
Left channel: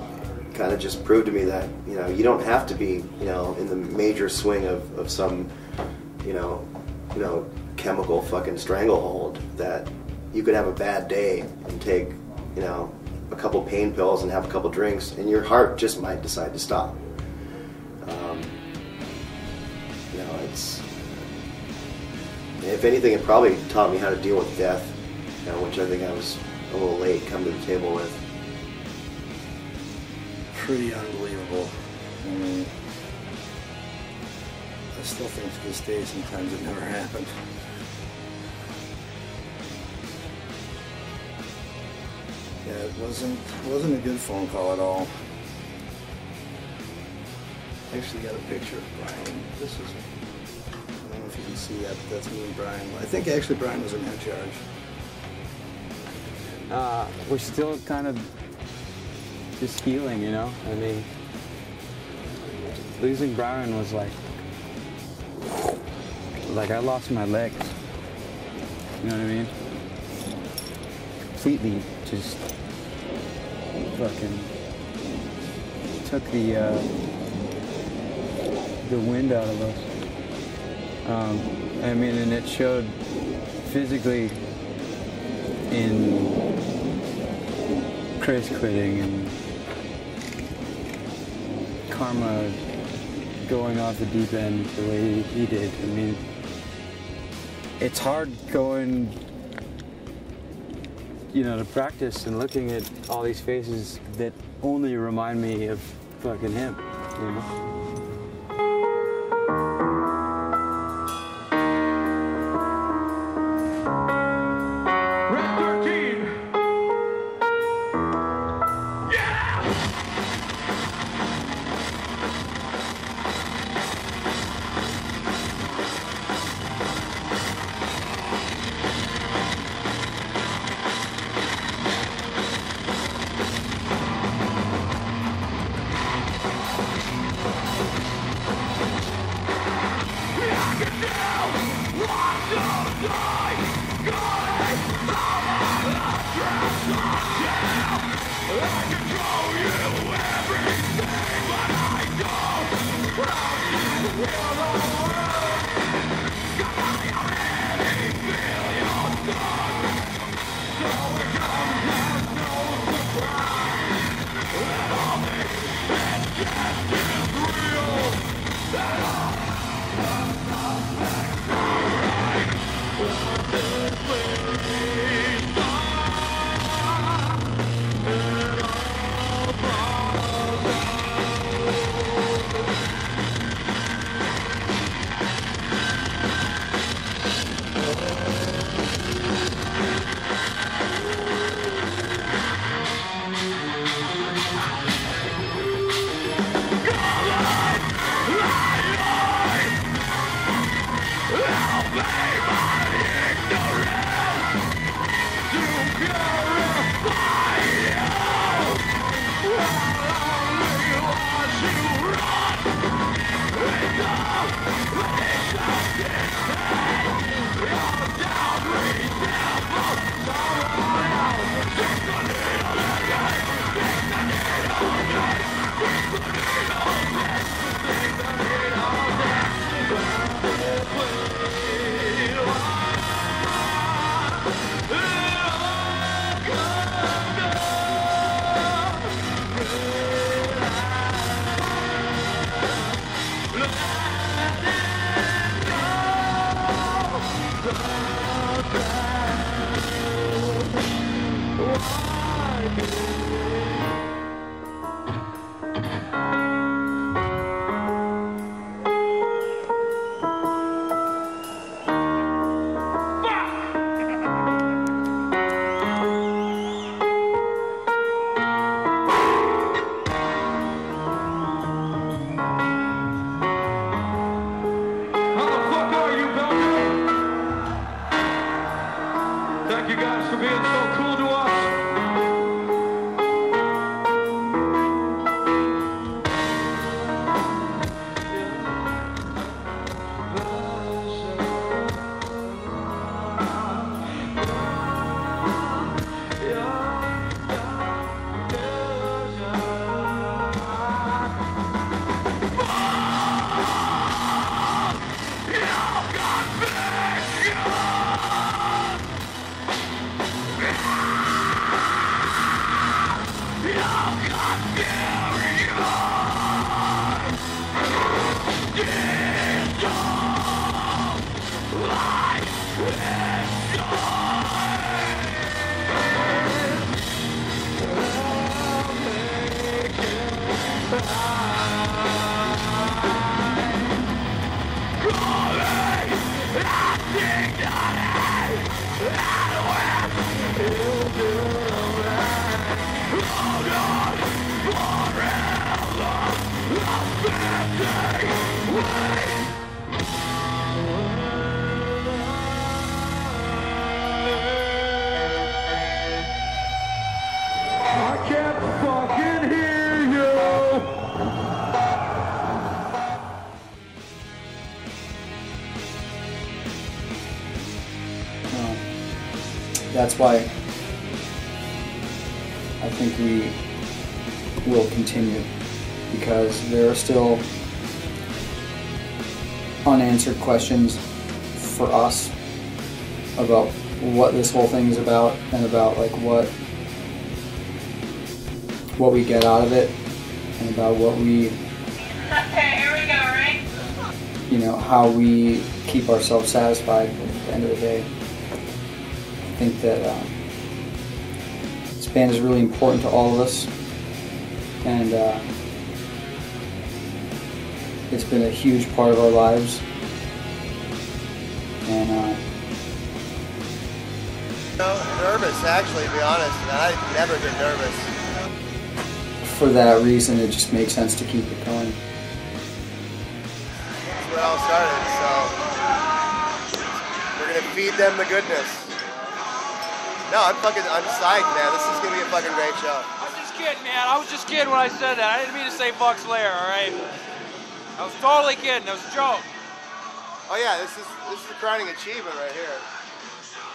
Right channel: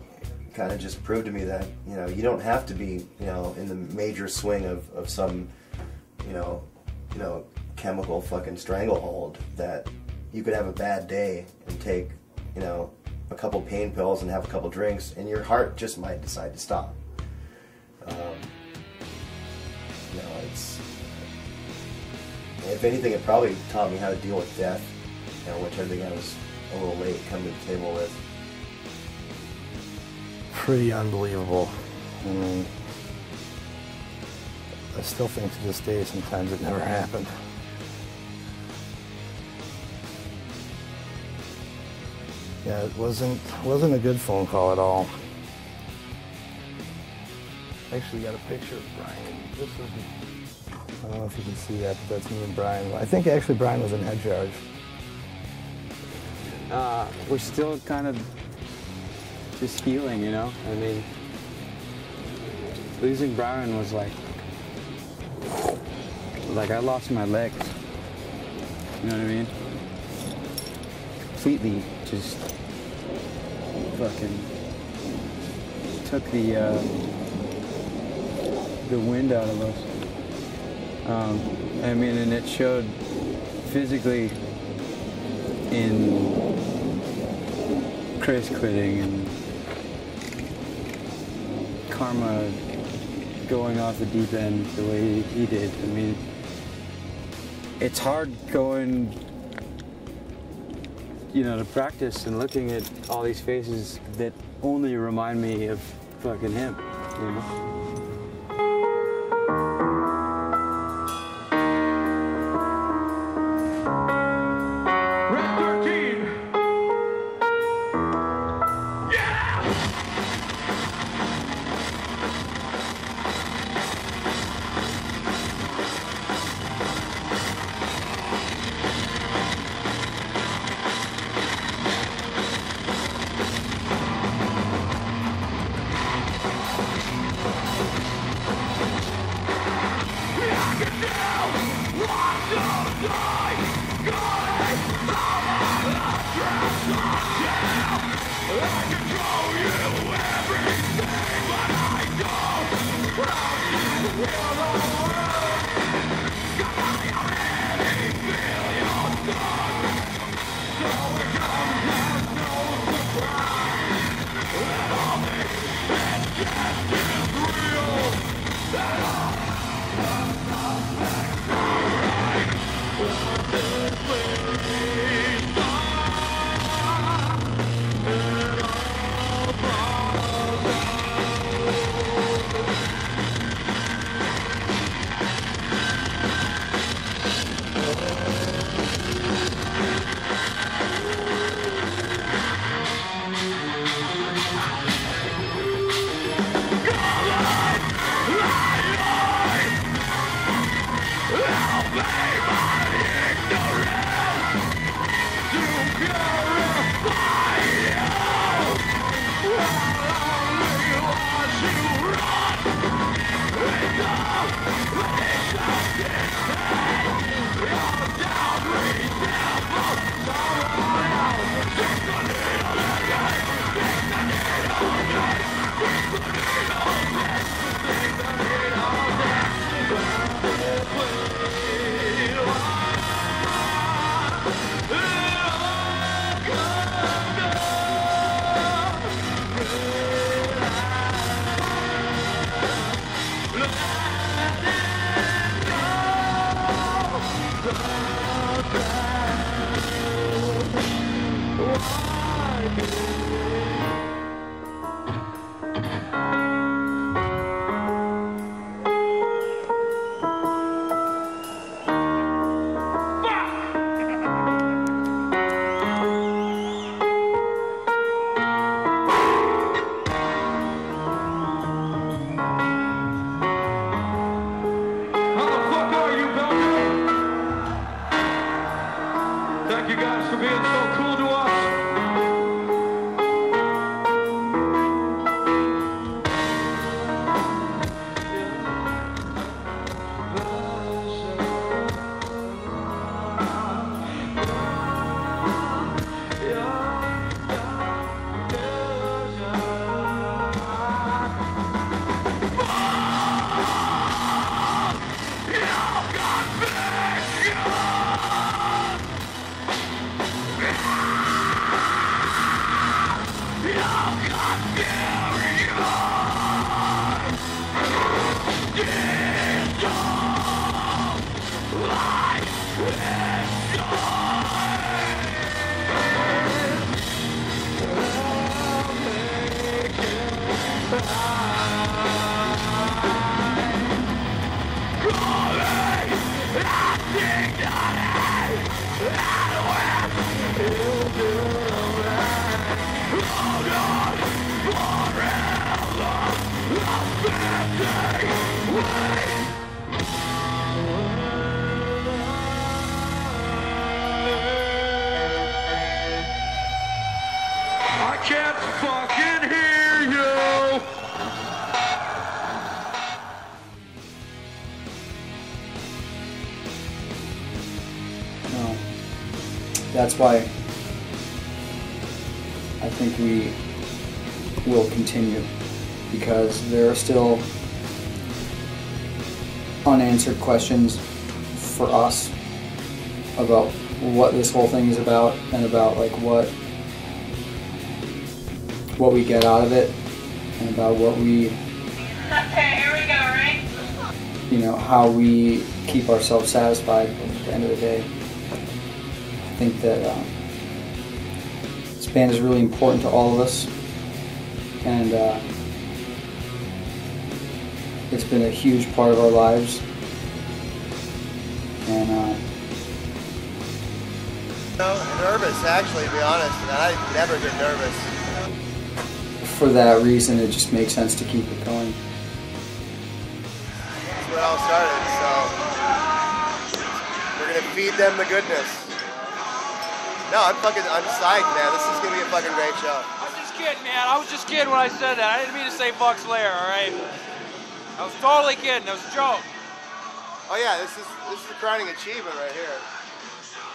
kind of just proved to me that, you know, you don't have to be, you know, in the major swing of some, you know, chemical fucking stranglehold, that you could have a bad day and take, you know, a couple pain pills and have a couple drinks, and your heart just might decide to stop. You know, it's, if anything, it probably taught me how to deal with death, you know, which I think I was a little late coming to the table with. Pretty unbelievable. I mean, I still think to this day sometimes it never happened. Yeah, it wasn't a good phone call at all. I actually got a picture of Brian. This is, I don't know if you can see that, but that's me and Brian. I think actually Brian was in head charge. We're still kind of just healing, you know? I mean, losing Brian was like I lost my legs. You know what I mean? Completely just fucking took the wind out of us. I mean, and it showed physically in Chris quitting and Karma going off the deep end the way he did. I mean, it's hard going, you know, to practice and looking at all these faces that only remind me of fucking him, you know? Light Thank you guys for being so cool to us. I can't fucking hear you. No. That's why I think we will continue, because there are still unanswered questions for us about what this whole thing is about, and about like what we get out of it, and about what we, Okay, here we go, right? you know, how we keep ourselves satisfied at the end of the day. I think that this band is really important to all of us, and it's been a huge part of our lives, and Nervous, actually, to be honest. I never get nervous. for that reason it just makes sense to keep it going. That's where it all started, so we're gonna feed them the goodness. No, I'm psyched, man. This is gonna be a fucking great show. I was just kidding, man. I was just kidding when I said that. I didn't mean to say Buck's Lair, all right? I was totally kidding. That was a joke. Oh yeah, this is the crowning achievement right here.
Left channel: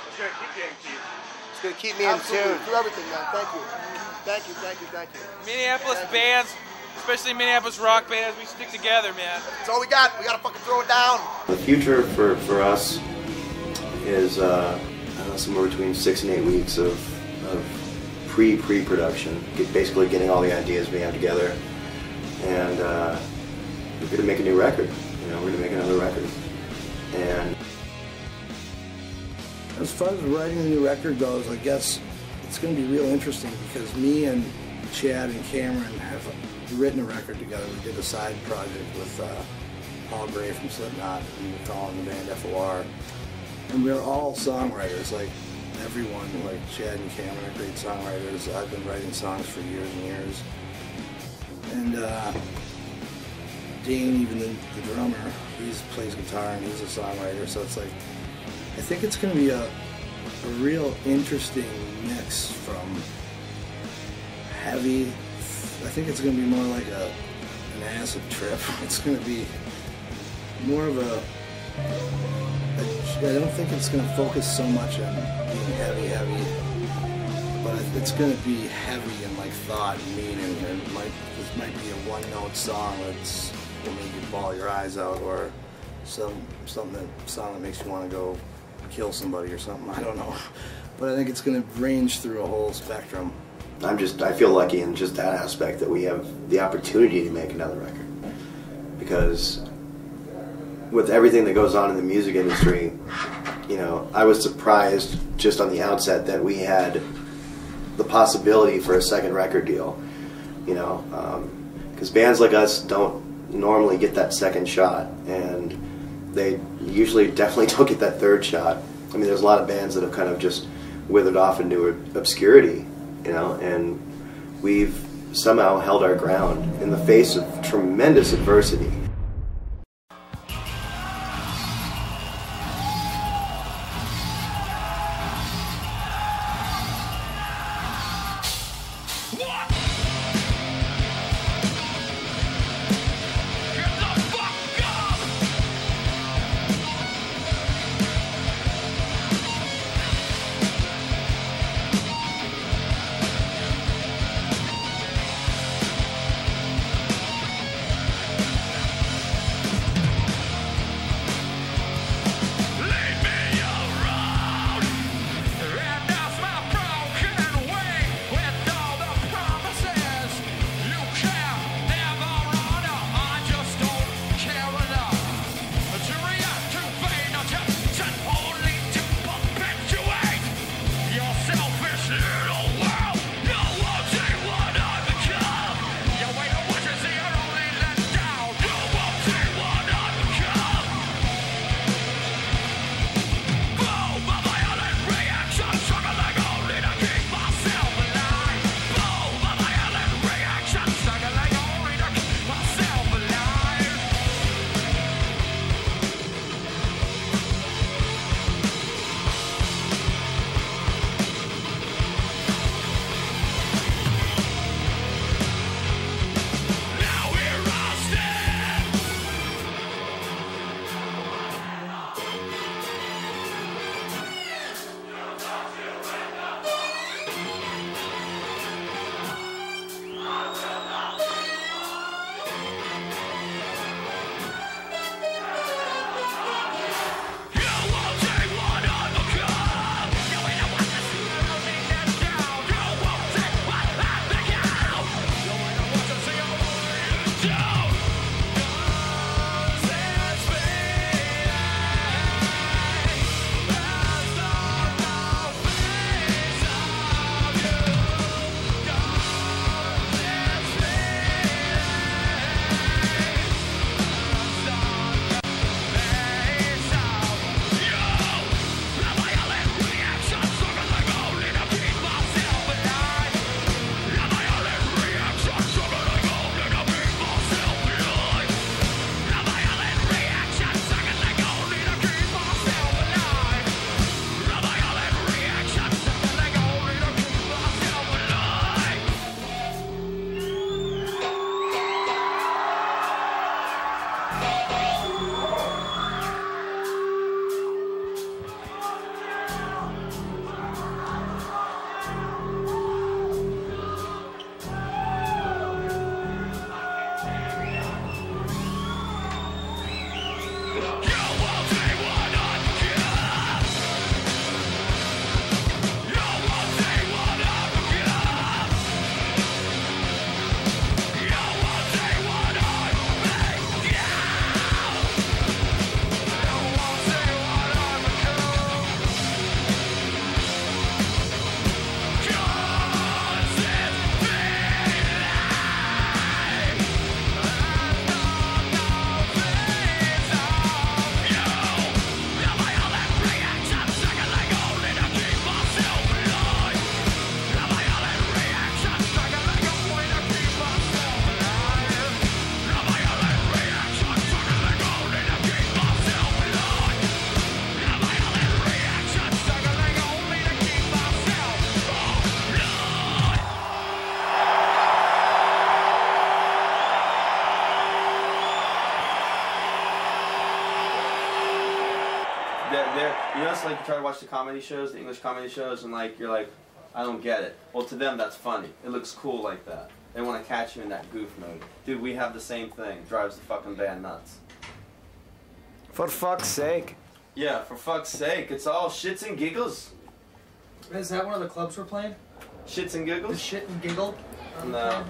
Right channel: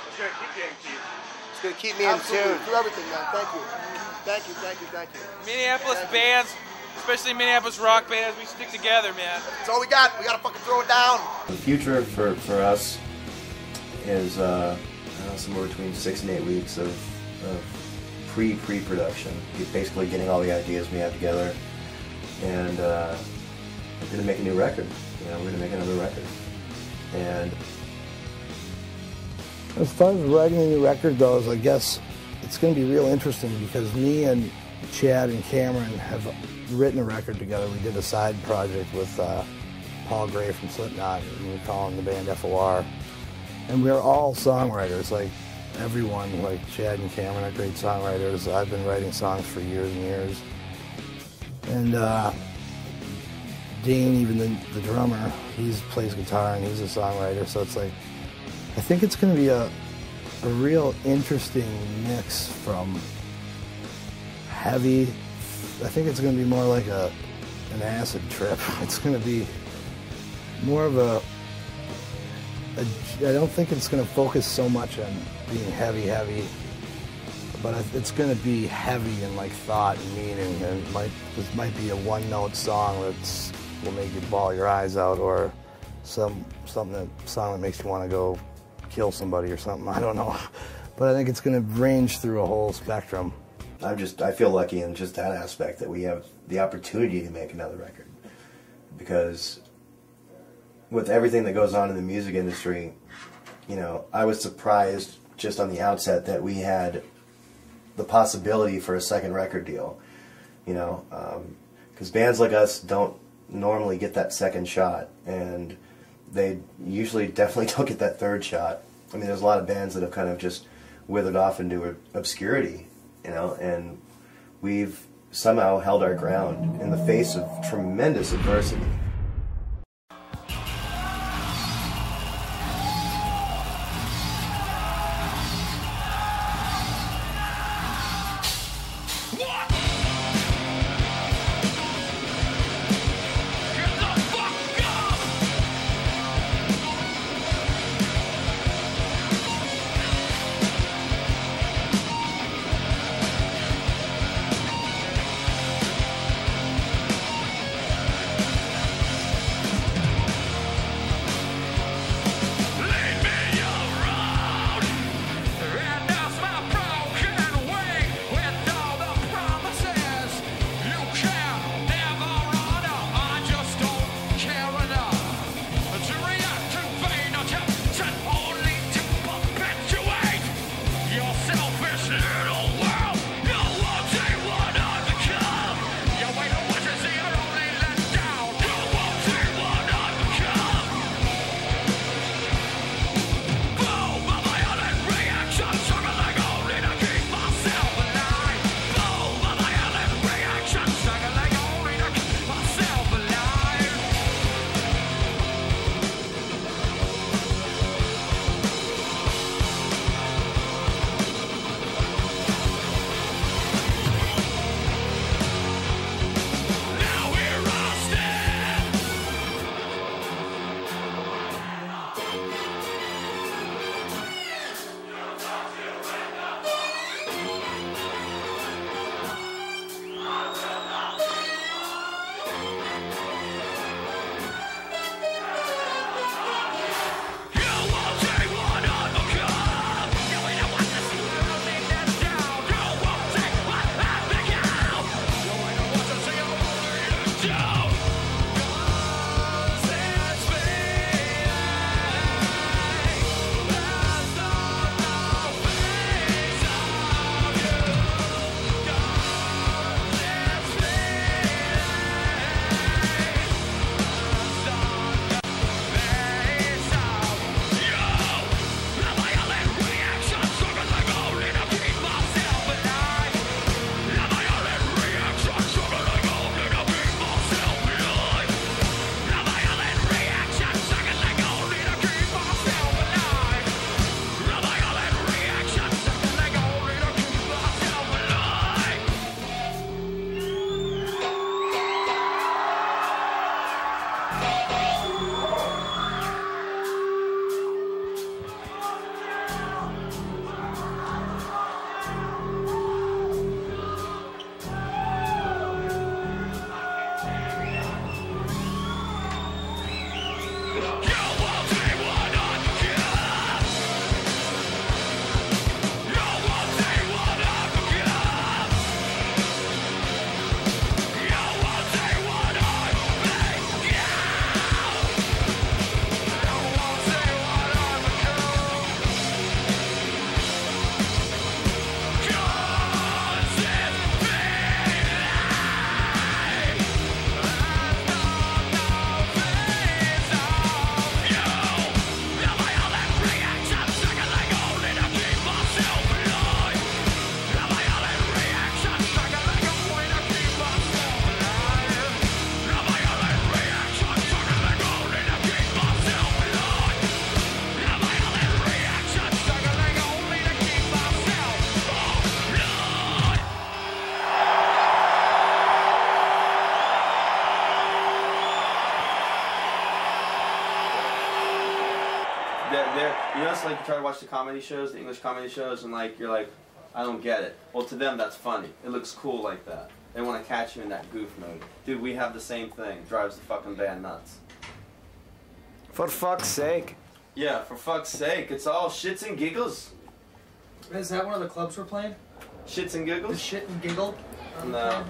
It's gonna keep getting cheap. It's gonna keep me in tune. Through everything, man. Thank you. Thank you, thank you, thank you. Minneapolis bands, especially Minneapolis rock bands, we stick together, man. That's all we got. We gotta fucking throw it down. The future for us is I don't know, somewhere between 6 and 8 weeks of pre-production, basically getting all the ideas we have together, and we're gonna make a new record. You know, we're gonna make another record. And as far as writing a new record goes, I guess it's going to be real interesting, because me and Chad and Cameron have written a record together. We did a side project with Paul Gray from Slipknot, and we're calling the band FOR. And we're all songwriters, like everyone, like Chad and Cameron are great songwriters. I've been writing songs for years and years. And Dane, even the drummer, he plays guitar and he's a songwriter, so it's like, I think it's going to be a real interesting mix from heavy. I think it's going to be more like an acid trip. It's going to be more of a I don't think it's going to focus so much on being heavy, but it's going to be heavy in like thought and meaning, and this might be a one-note song that's will make you bawl your eyes out, or song that makes you want to go kill somebody or something. I don't know, but I think it's going to range through a whole spectrum. I feel lucky in just that aspect that we have the opportunity to make another record, because with everything that goes on in the music industry, you know, I was surprised just on the outset that we had the possibility for a second record deal, you know, because bands like us don't normally get that second shot, and they usually definitely don't get that third shot. I mean, there's a lot of bands that have kind of just withered off into obscurity, you know, and we've somehow held our ground in the face of tremendous adversity. You know, it's like you try to watch the comedy shows, the English comedy shows, and like you're like, I don't get it. Well, to them that's funny. It looks cool like that. They want to catch you in that goof mode. Dude, we have the same thing. Drives the fucking band nuts. For fuck's sake. Yeah, for fuck's sake. It's all shits and giggles. Is that one of the clubs we're playing? Shits and giggles? The shit and giggle? No.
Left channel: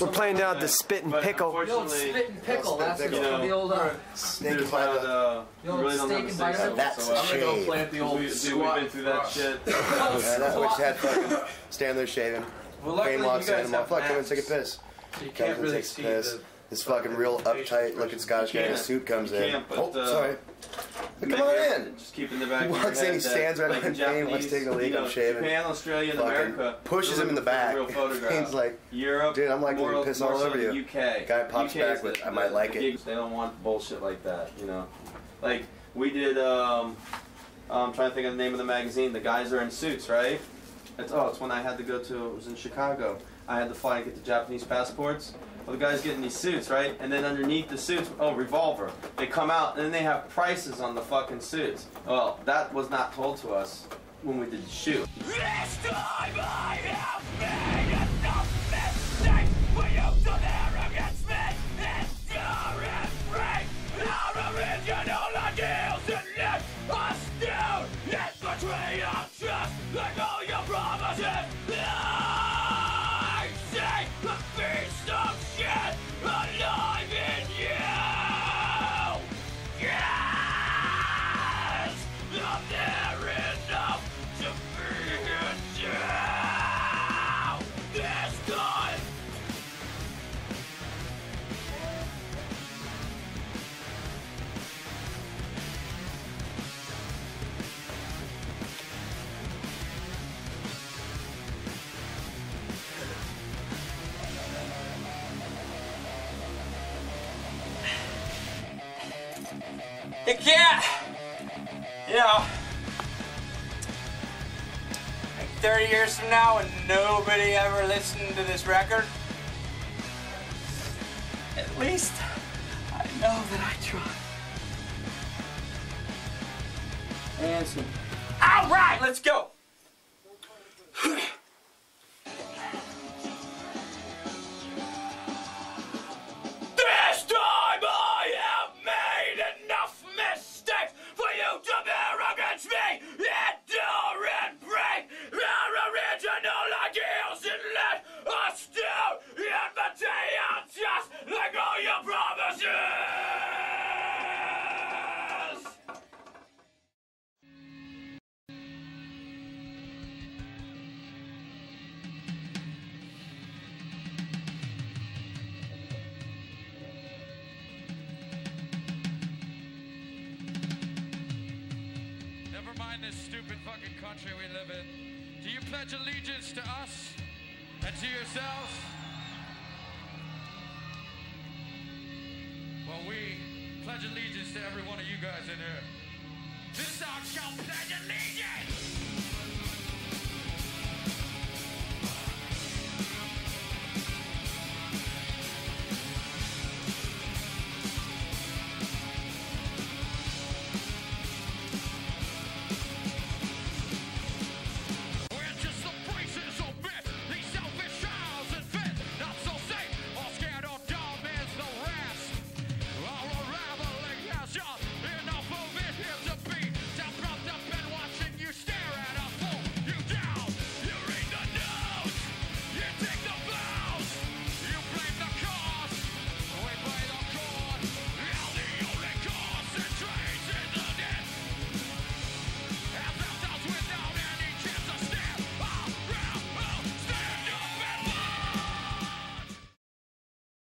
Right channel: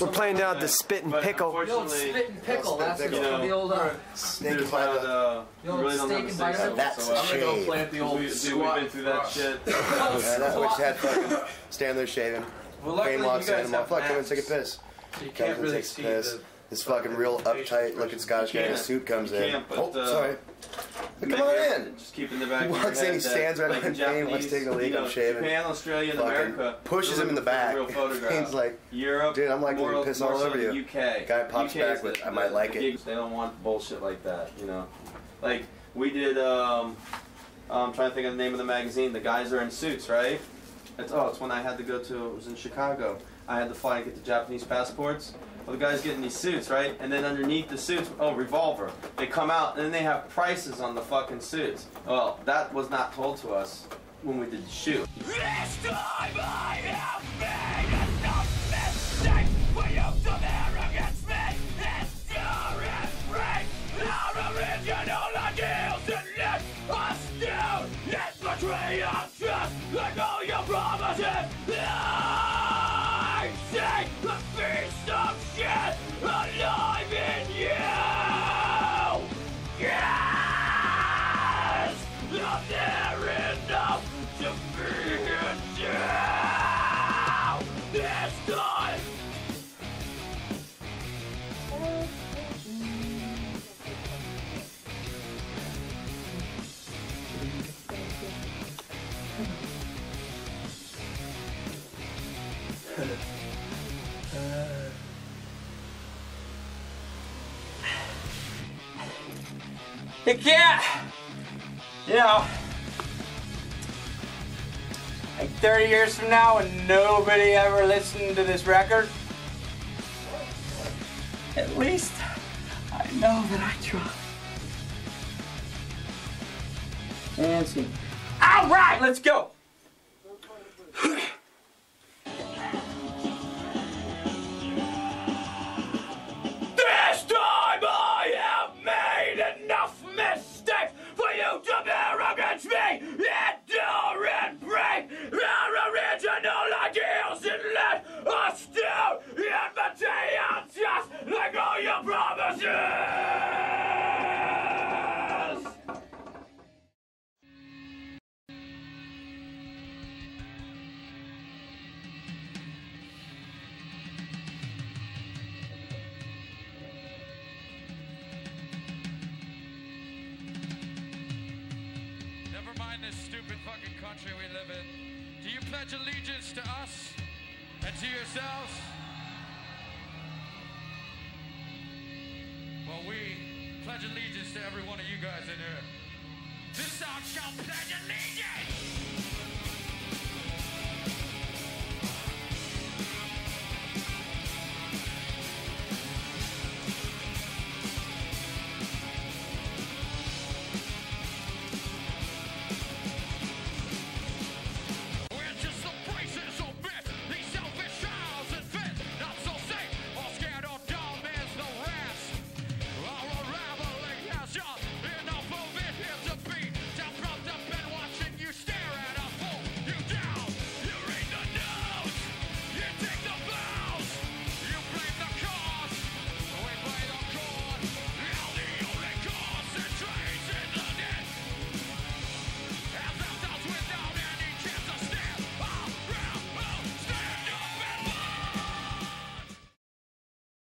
We're playing down at the Spit and Pickle. The old Spit and Pickle. That's what the old Snake and the old steak and butter. That's I'm gonna go play at the old We've been through that shit. Yeah, that we just had fucking stand there shaving. Kane walks in and I'm like, fuck, I'm gonna take a piss. You Comes can't and really takes a see piss. This fucking real uptight looking Scottish guy in a suit comes in. Oh, sorry. Come on in. Just keep in the back. He walks in, he stands right behind Kane, wants to take the lead, I'm shaving. Japan, Australia, and Fucking America pushes him in the back. Kane's like, Europe, dude, I'm like gonna piss all over you. UK. Guy pops back with, I might like it. They don't want bullshit like that, you know. Like we did. I'm trying to think of the name of the magazine. The guys are in suits, right? It's when I had to go to. It was in Chicago. I had to fly and get the Japanese passports. Well, the guys get in these suits, right? And then underneath the suits, revolver. They come out, and then they have prices on the fucking suits. Well, that was not told to us when we did the shoot. This time I have made enough mistakes for you to bear against me. Endure and break our original ideals and let us down. It's betray our trust like all your promises. I see the beast of shit alive in you. Yes, I'm there enough to be in you. This time. You can't, you know, like 30 years from now when nobody ever listened to this record, at least I know that I tried. Fancy. All right, let's go. This time I have made enough mistakes for you to bear against me. Endure and break our original ideals and let us down. And betray just like all your promises. Never mind this stupid fucking country we live in. Do you pledge allegiance to us and to yourselves? Well, we pledge allegiance to every one of you guys in here. This song shall pledge allegiance!